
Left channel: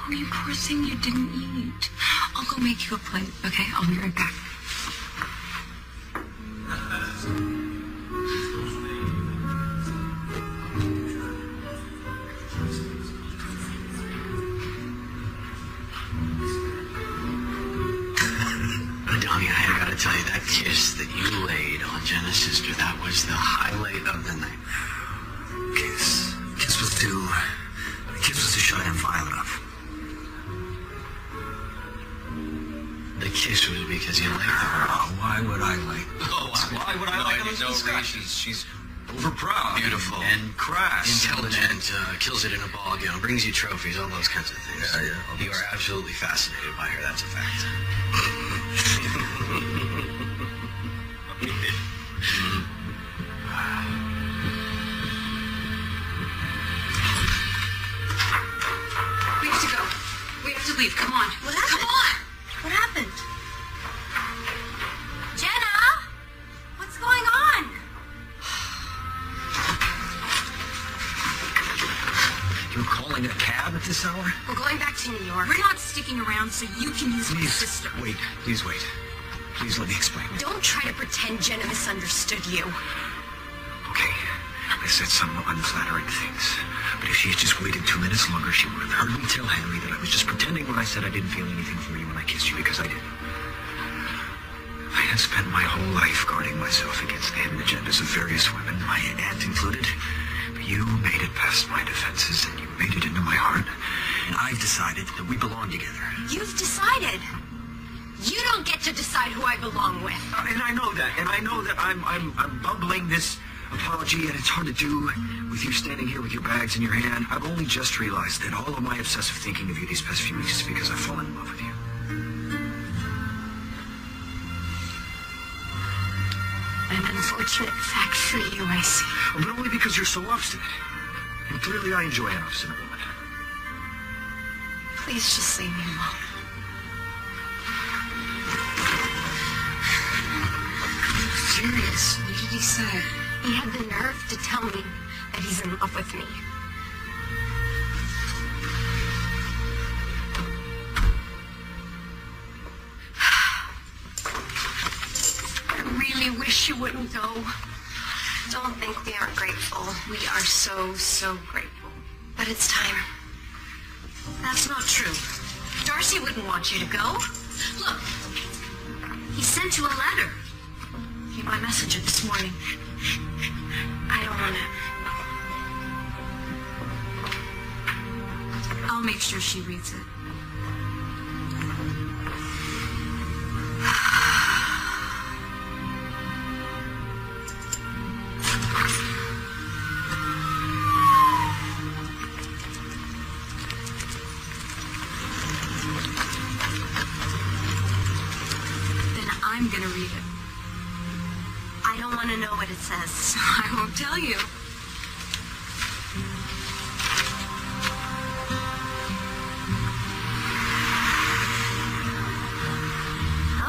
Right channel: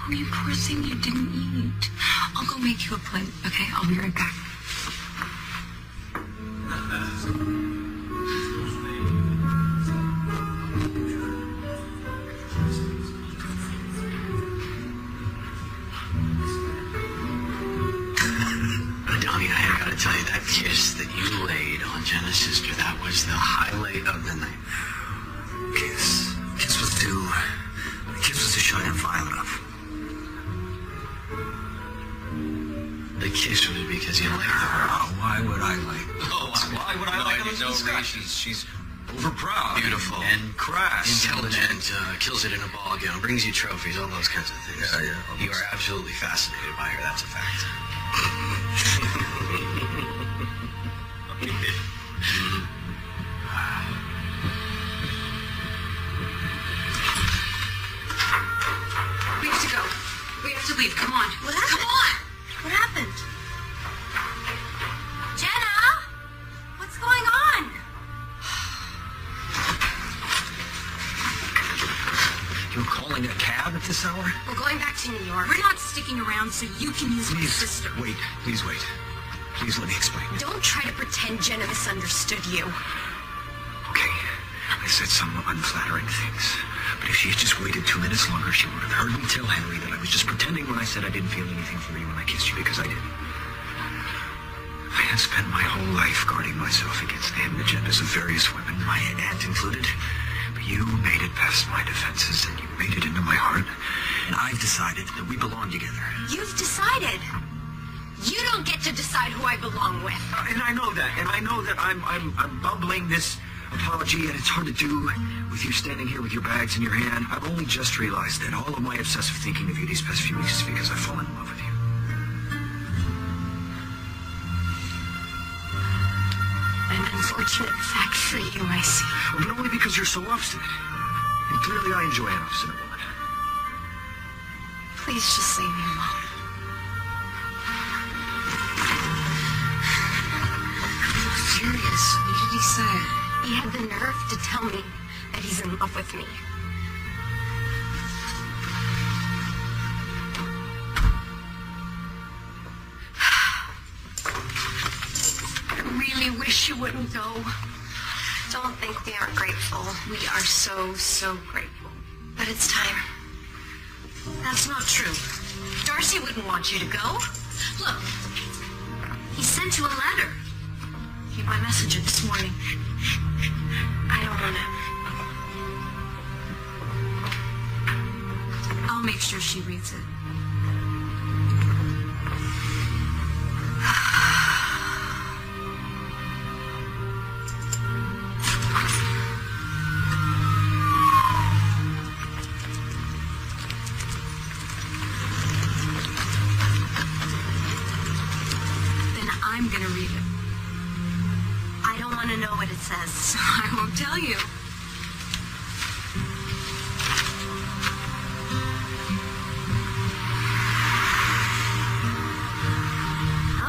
Oh, you poor thing, you didn't eat. I'll go make you a plate, okay? I'll be right back. Donnie, I gotta tell you, that kiss that you laid on Jenna's sister, that was the highlight of the night. Kiss was due. The kiss was to shine a violet up. The kiss was because you liked her. Oh, why would I like her? Oh, Why would I like Elizabeth Scott? She's overproud. Beautiful. And crass. Intelligent, kills it in a ball gown, brings you trophies, all those kinds of things. Yeah. You were absolutely fascinated by her, that's a fact. We have to go. We have to leave. Come on. What happened? Come on. What happened? Jenna! What's going on? You're calling a cab at this hour? We're going back to New York. We're not sticking around so you can use my sister. Wait. Please wait. Please let me explain. Don't try to pretend Jenna misunderstood you. Okay. I said some unflattering things. But if she had just waited 2 minutes longer, she would have heard me tell Henry that I was just pretending when I said I didn't feel anything for you when I kissed you, because I did. I had spent my whole life guarding myself against the hidden agendas of various women, my aunt included. But you made it past my defenses, and you made it into my heart. And I've decided that we belong together. You've decided. You don't get to decide who I belong with. And I know that. And I know that I'm bubbling this apology, and it's hard to do with you standing here with your bags in your hand. I've only just realized that all of my obsessive thinking of you these past few weeks is because I've fallen in love with you. An unfortunate fact for you, I see. But only because you're so obstinate. And clearly I enjoy an obstinate woman. Please just leave me alone. Serious. What did he say? He had the nerve to tell me that he's in love with me. I really wish you wouldn't go. Don't think we aren't grateful. We are so, so grateful. But it's time. That's not true. Darcy wouldn't want you to go. Look, he said to a letter. I messaged her this morning. I don't want it. I'll make sure she reads it. Then I'm gonna read it. I don't want to know what it says. I won't tell you.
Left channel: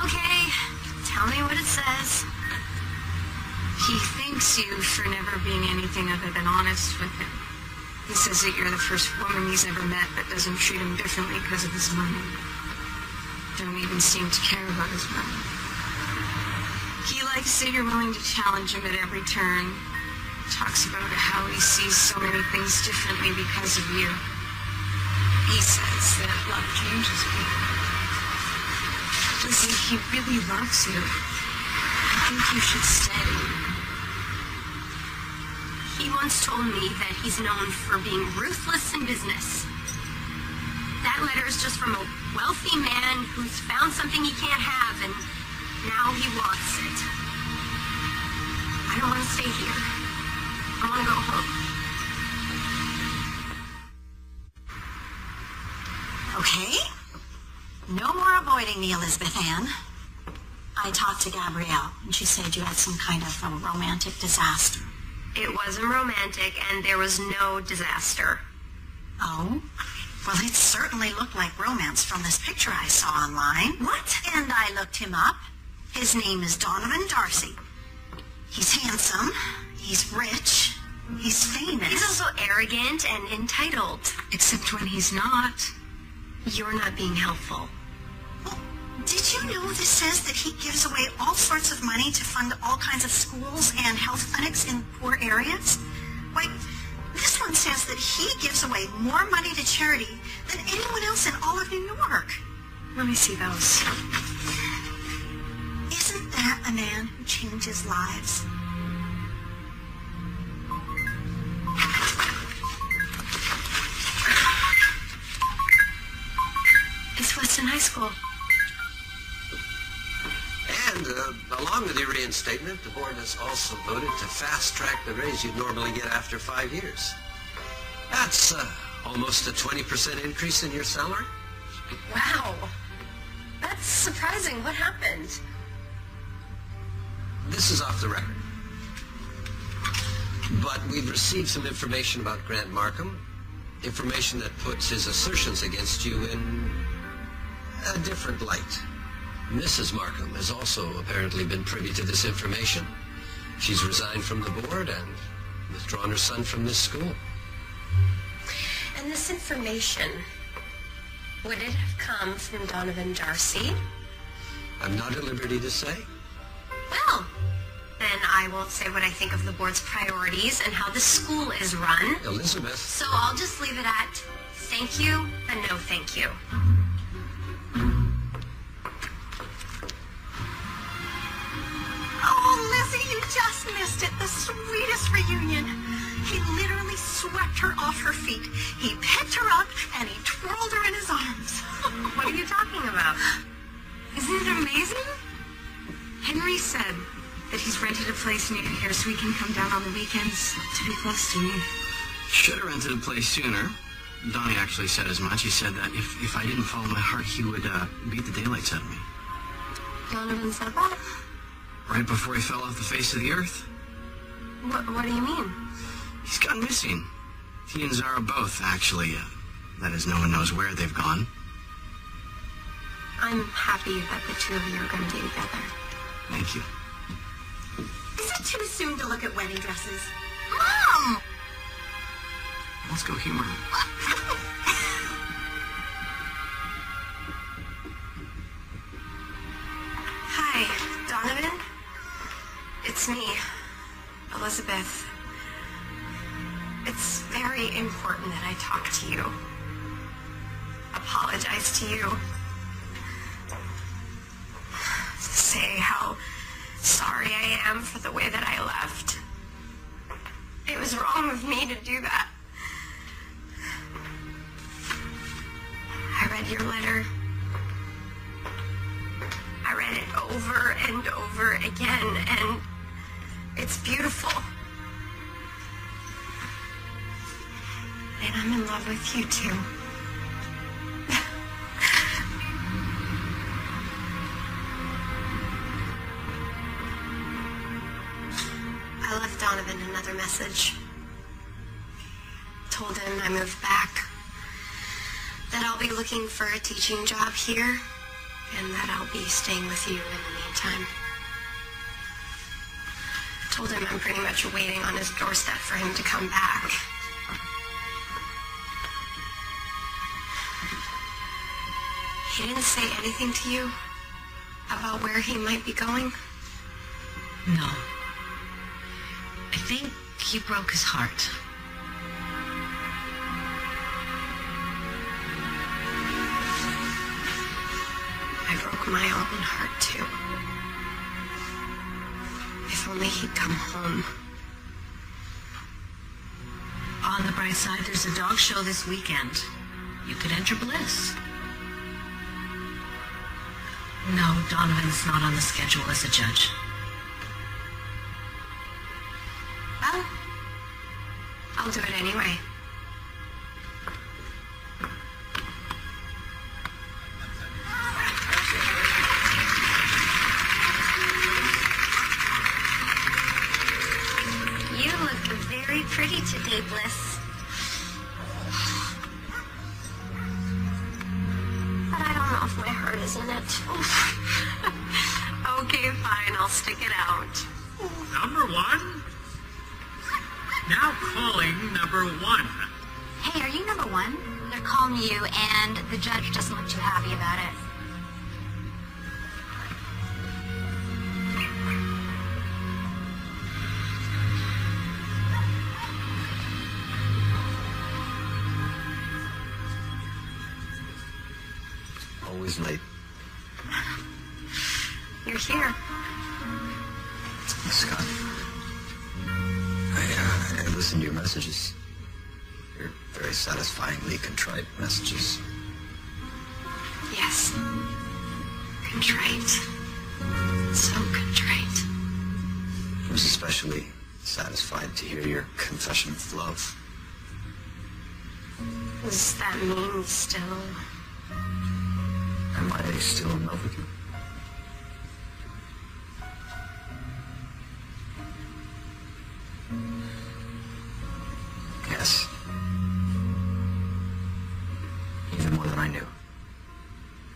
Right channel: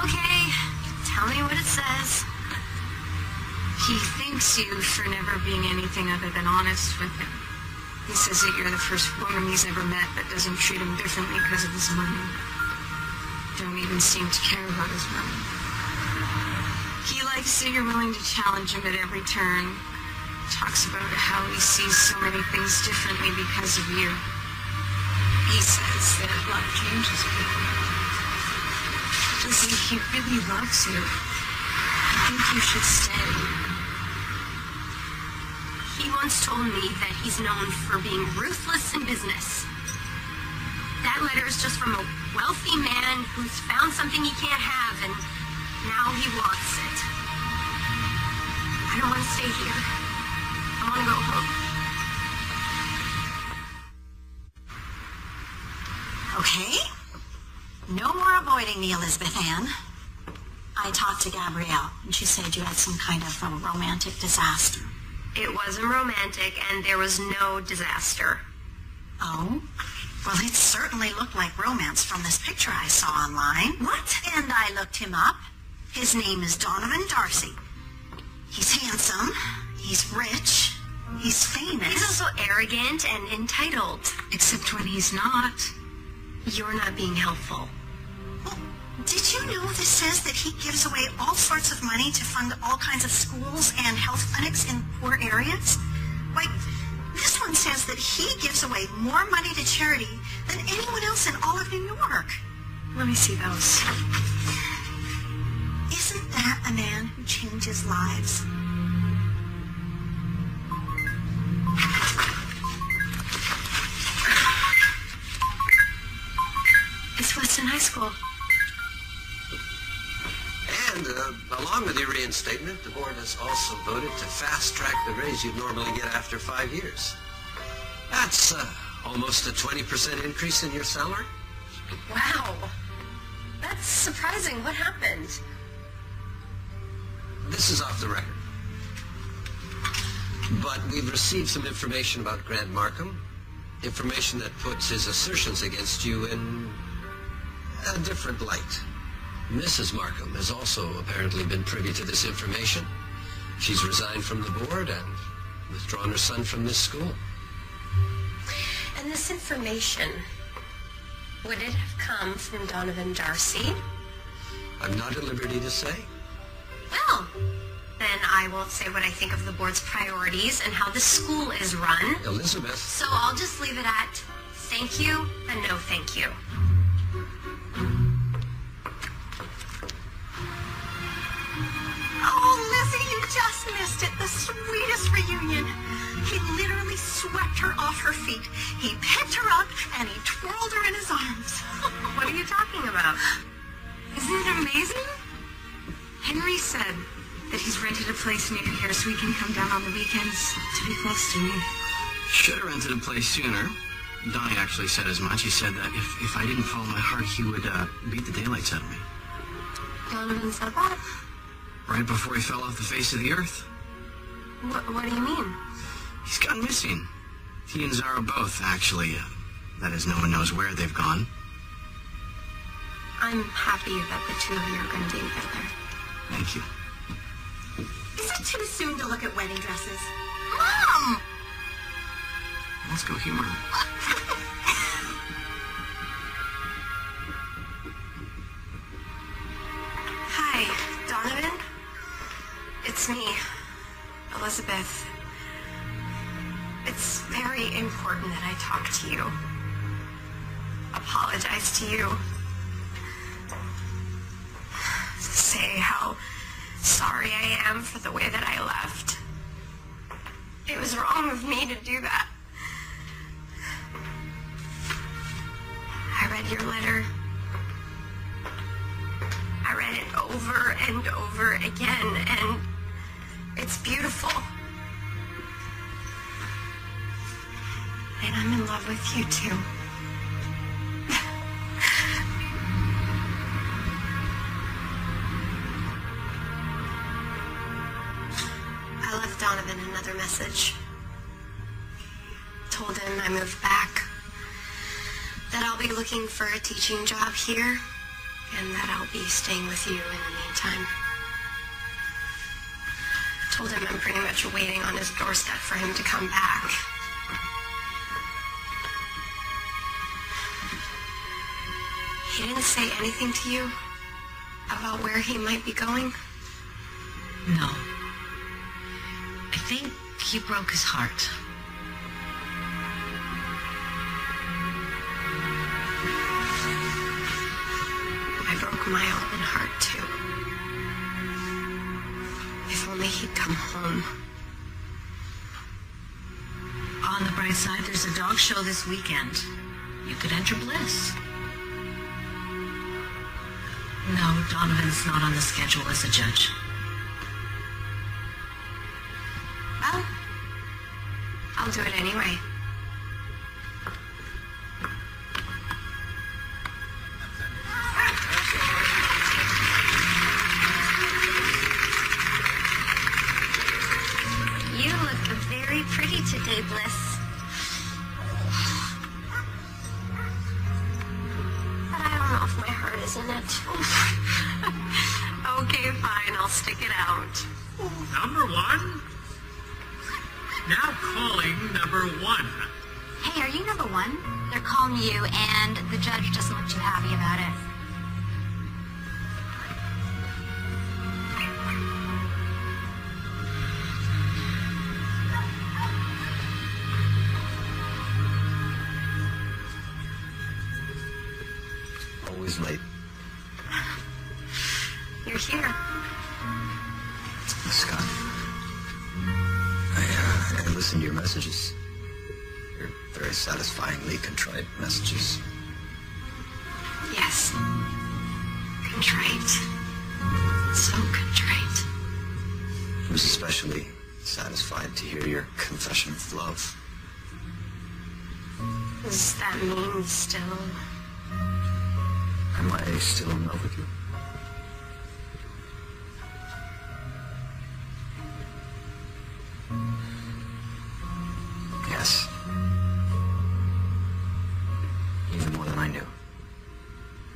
Okay, tell me what it says. He thanks you for never being anything other than honest with him. He says that you're the first woman he's ever met that doesn't treat him differently because of his money. Don't even seem to care about his brother. He likes that you're willing to challenge him at every turn. Talks about how he sees so many things differently because of you. He says that love changes people. It's like he really loves you. I think you should stay. He once told me that he's known for being ruthless in business. That letter is just from a wealthy man who's found something he can't have, and now he wants it. I don't want to stay here. I want to go home. Okay. No more avoiding me, Elizabeth Ann. I talked to Gabrielle, and she said you had some kind of a romantic disaster. It wasn't romantic, and there was no disaster. Oh? Well, it certainly looked like romance from this picture I saw online. What? And I looked him up. His name is Donovan Darcy. He's handsome. He's rich. He's famous. He's also arrogant and entitled. Except when he's not. You're not being helpful. Did you know this says that he gives away all sorts of money to fund all kinds of schools and health clinics in poor areas? Why, this one says that he gives away more money to charity than anyone else in all of New York. Let me see those. Isn't that a man who changes lives? It's Weston High School. And along with your reinstatement, the board has also voted to fast-track the raise you'd normally get after 5 years. That's almost a 20% increase in your salary. Wow. That's surprising. What happened? This is off the record. But we've received some information about Grant Markham. Information that puts his assertions against you in a different light. Mrs. Markham has also apparently been privy to this information. She's resigned from the board and withdrawn her son from this school. And this information, would it have come from Donovan Darcy? I'm not at liberty to say. Well, then I won't say what I think of the board's priorities and how the school is run. Elizabeth. So I'll just leave it at thank you and no thank you. Oh, Lizzie, you just missed it. The sweetest reunion. He literally swept her off her feet. He picked her up and he twirled her in his arms. What are you talking about? Isn't it amazing? Henry said that he's rented a place near here so he can come down on the weekends to be close to me. Should have rented a place sooner. Donnie actually said as much. He said that if I didn't follow my heart, he would beat the daylights out of me. Donovan said that? Right before he fell off the face of the earth. What do you mean? He's gone missing. He and Zara both, actually. That is, no one knows where they've gone. I'm happy that the two of you are going to be together. Thank you. Is it too soon to look at wedding dresses? Mom! Let's go humor him. Hi, Donovan. It's me, Elizabeth. It's very important that I talk to you. Apologize to you. Say how I am for the way that I left. It was wrong of me to do that. I read your letter. I read it over and over again, and it's beautiful. And I'm in love with you, too. I left Donovan another message. Told him I moved back, that I'll be looking for a teaching job here, and that I'll be staying with you in the meantime. Told him I'm pretty much waiting on his doorstep for him to come back. He didn't say anything to you about where he might be going? No. I think he broke his heart. I broke my own heart, too. If only he'd come home. On the bright side, there's a dog show this weekend. You could enter Bliss. No, Donovan's not on the schedule as a judge. Well, I'll do it anyway. You look very pretty today, Bliss. But I don't know if my heart is in it. Okay, fine. I'll stick it out. Number one? Now calling number one. Hey, are you number one? They're calling you, and the judge doesn't look too happy about it. Always late. You're here. Hey, Scott. I listened to your messages. Your very satisfyingly contrite messages. Yes. Contrite. So contrite. I was especially satisfied to hear your confession of love. Does that mean still? Am I still in love with you? Yes. Even more than I knew.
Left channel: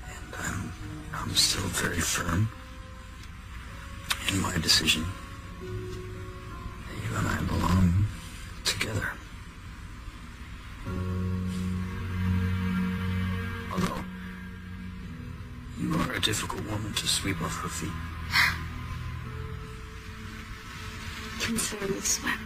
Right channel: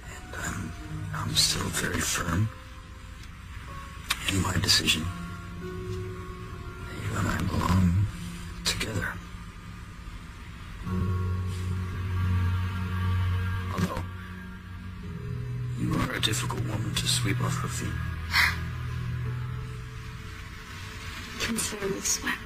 And I'm still very firm in my decision. You and I belong together. Although you are a difficult woman to sweep off her feet. Consider me swept.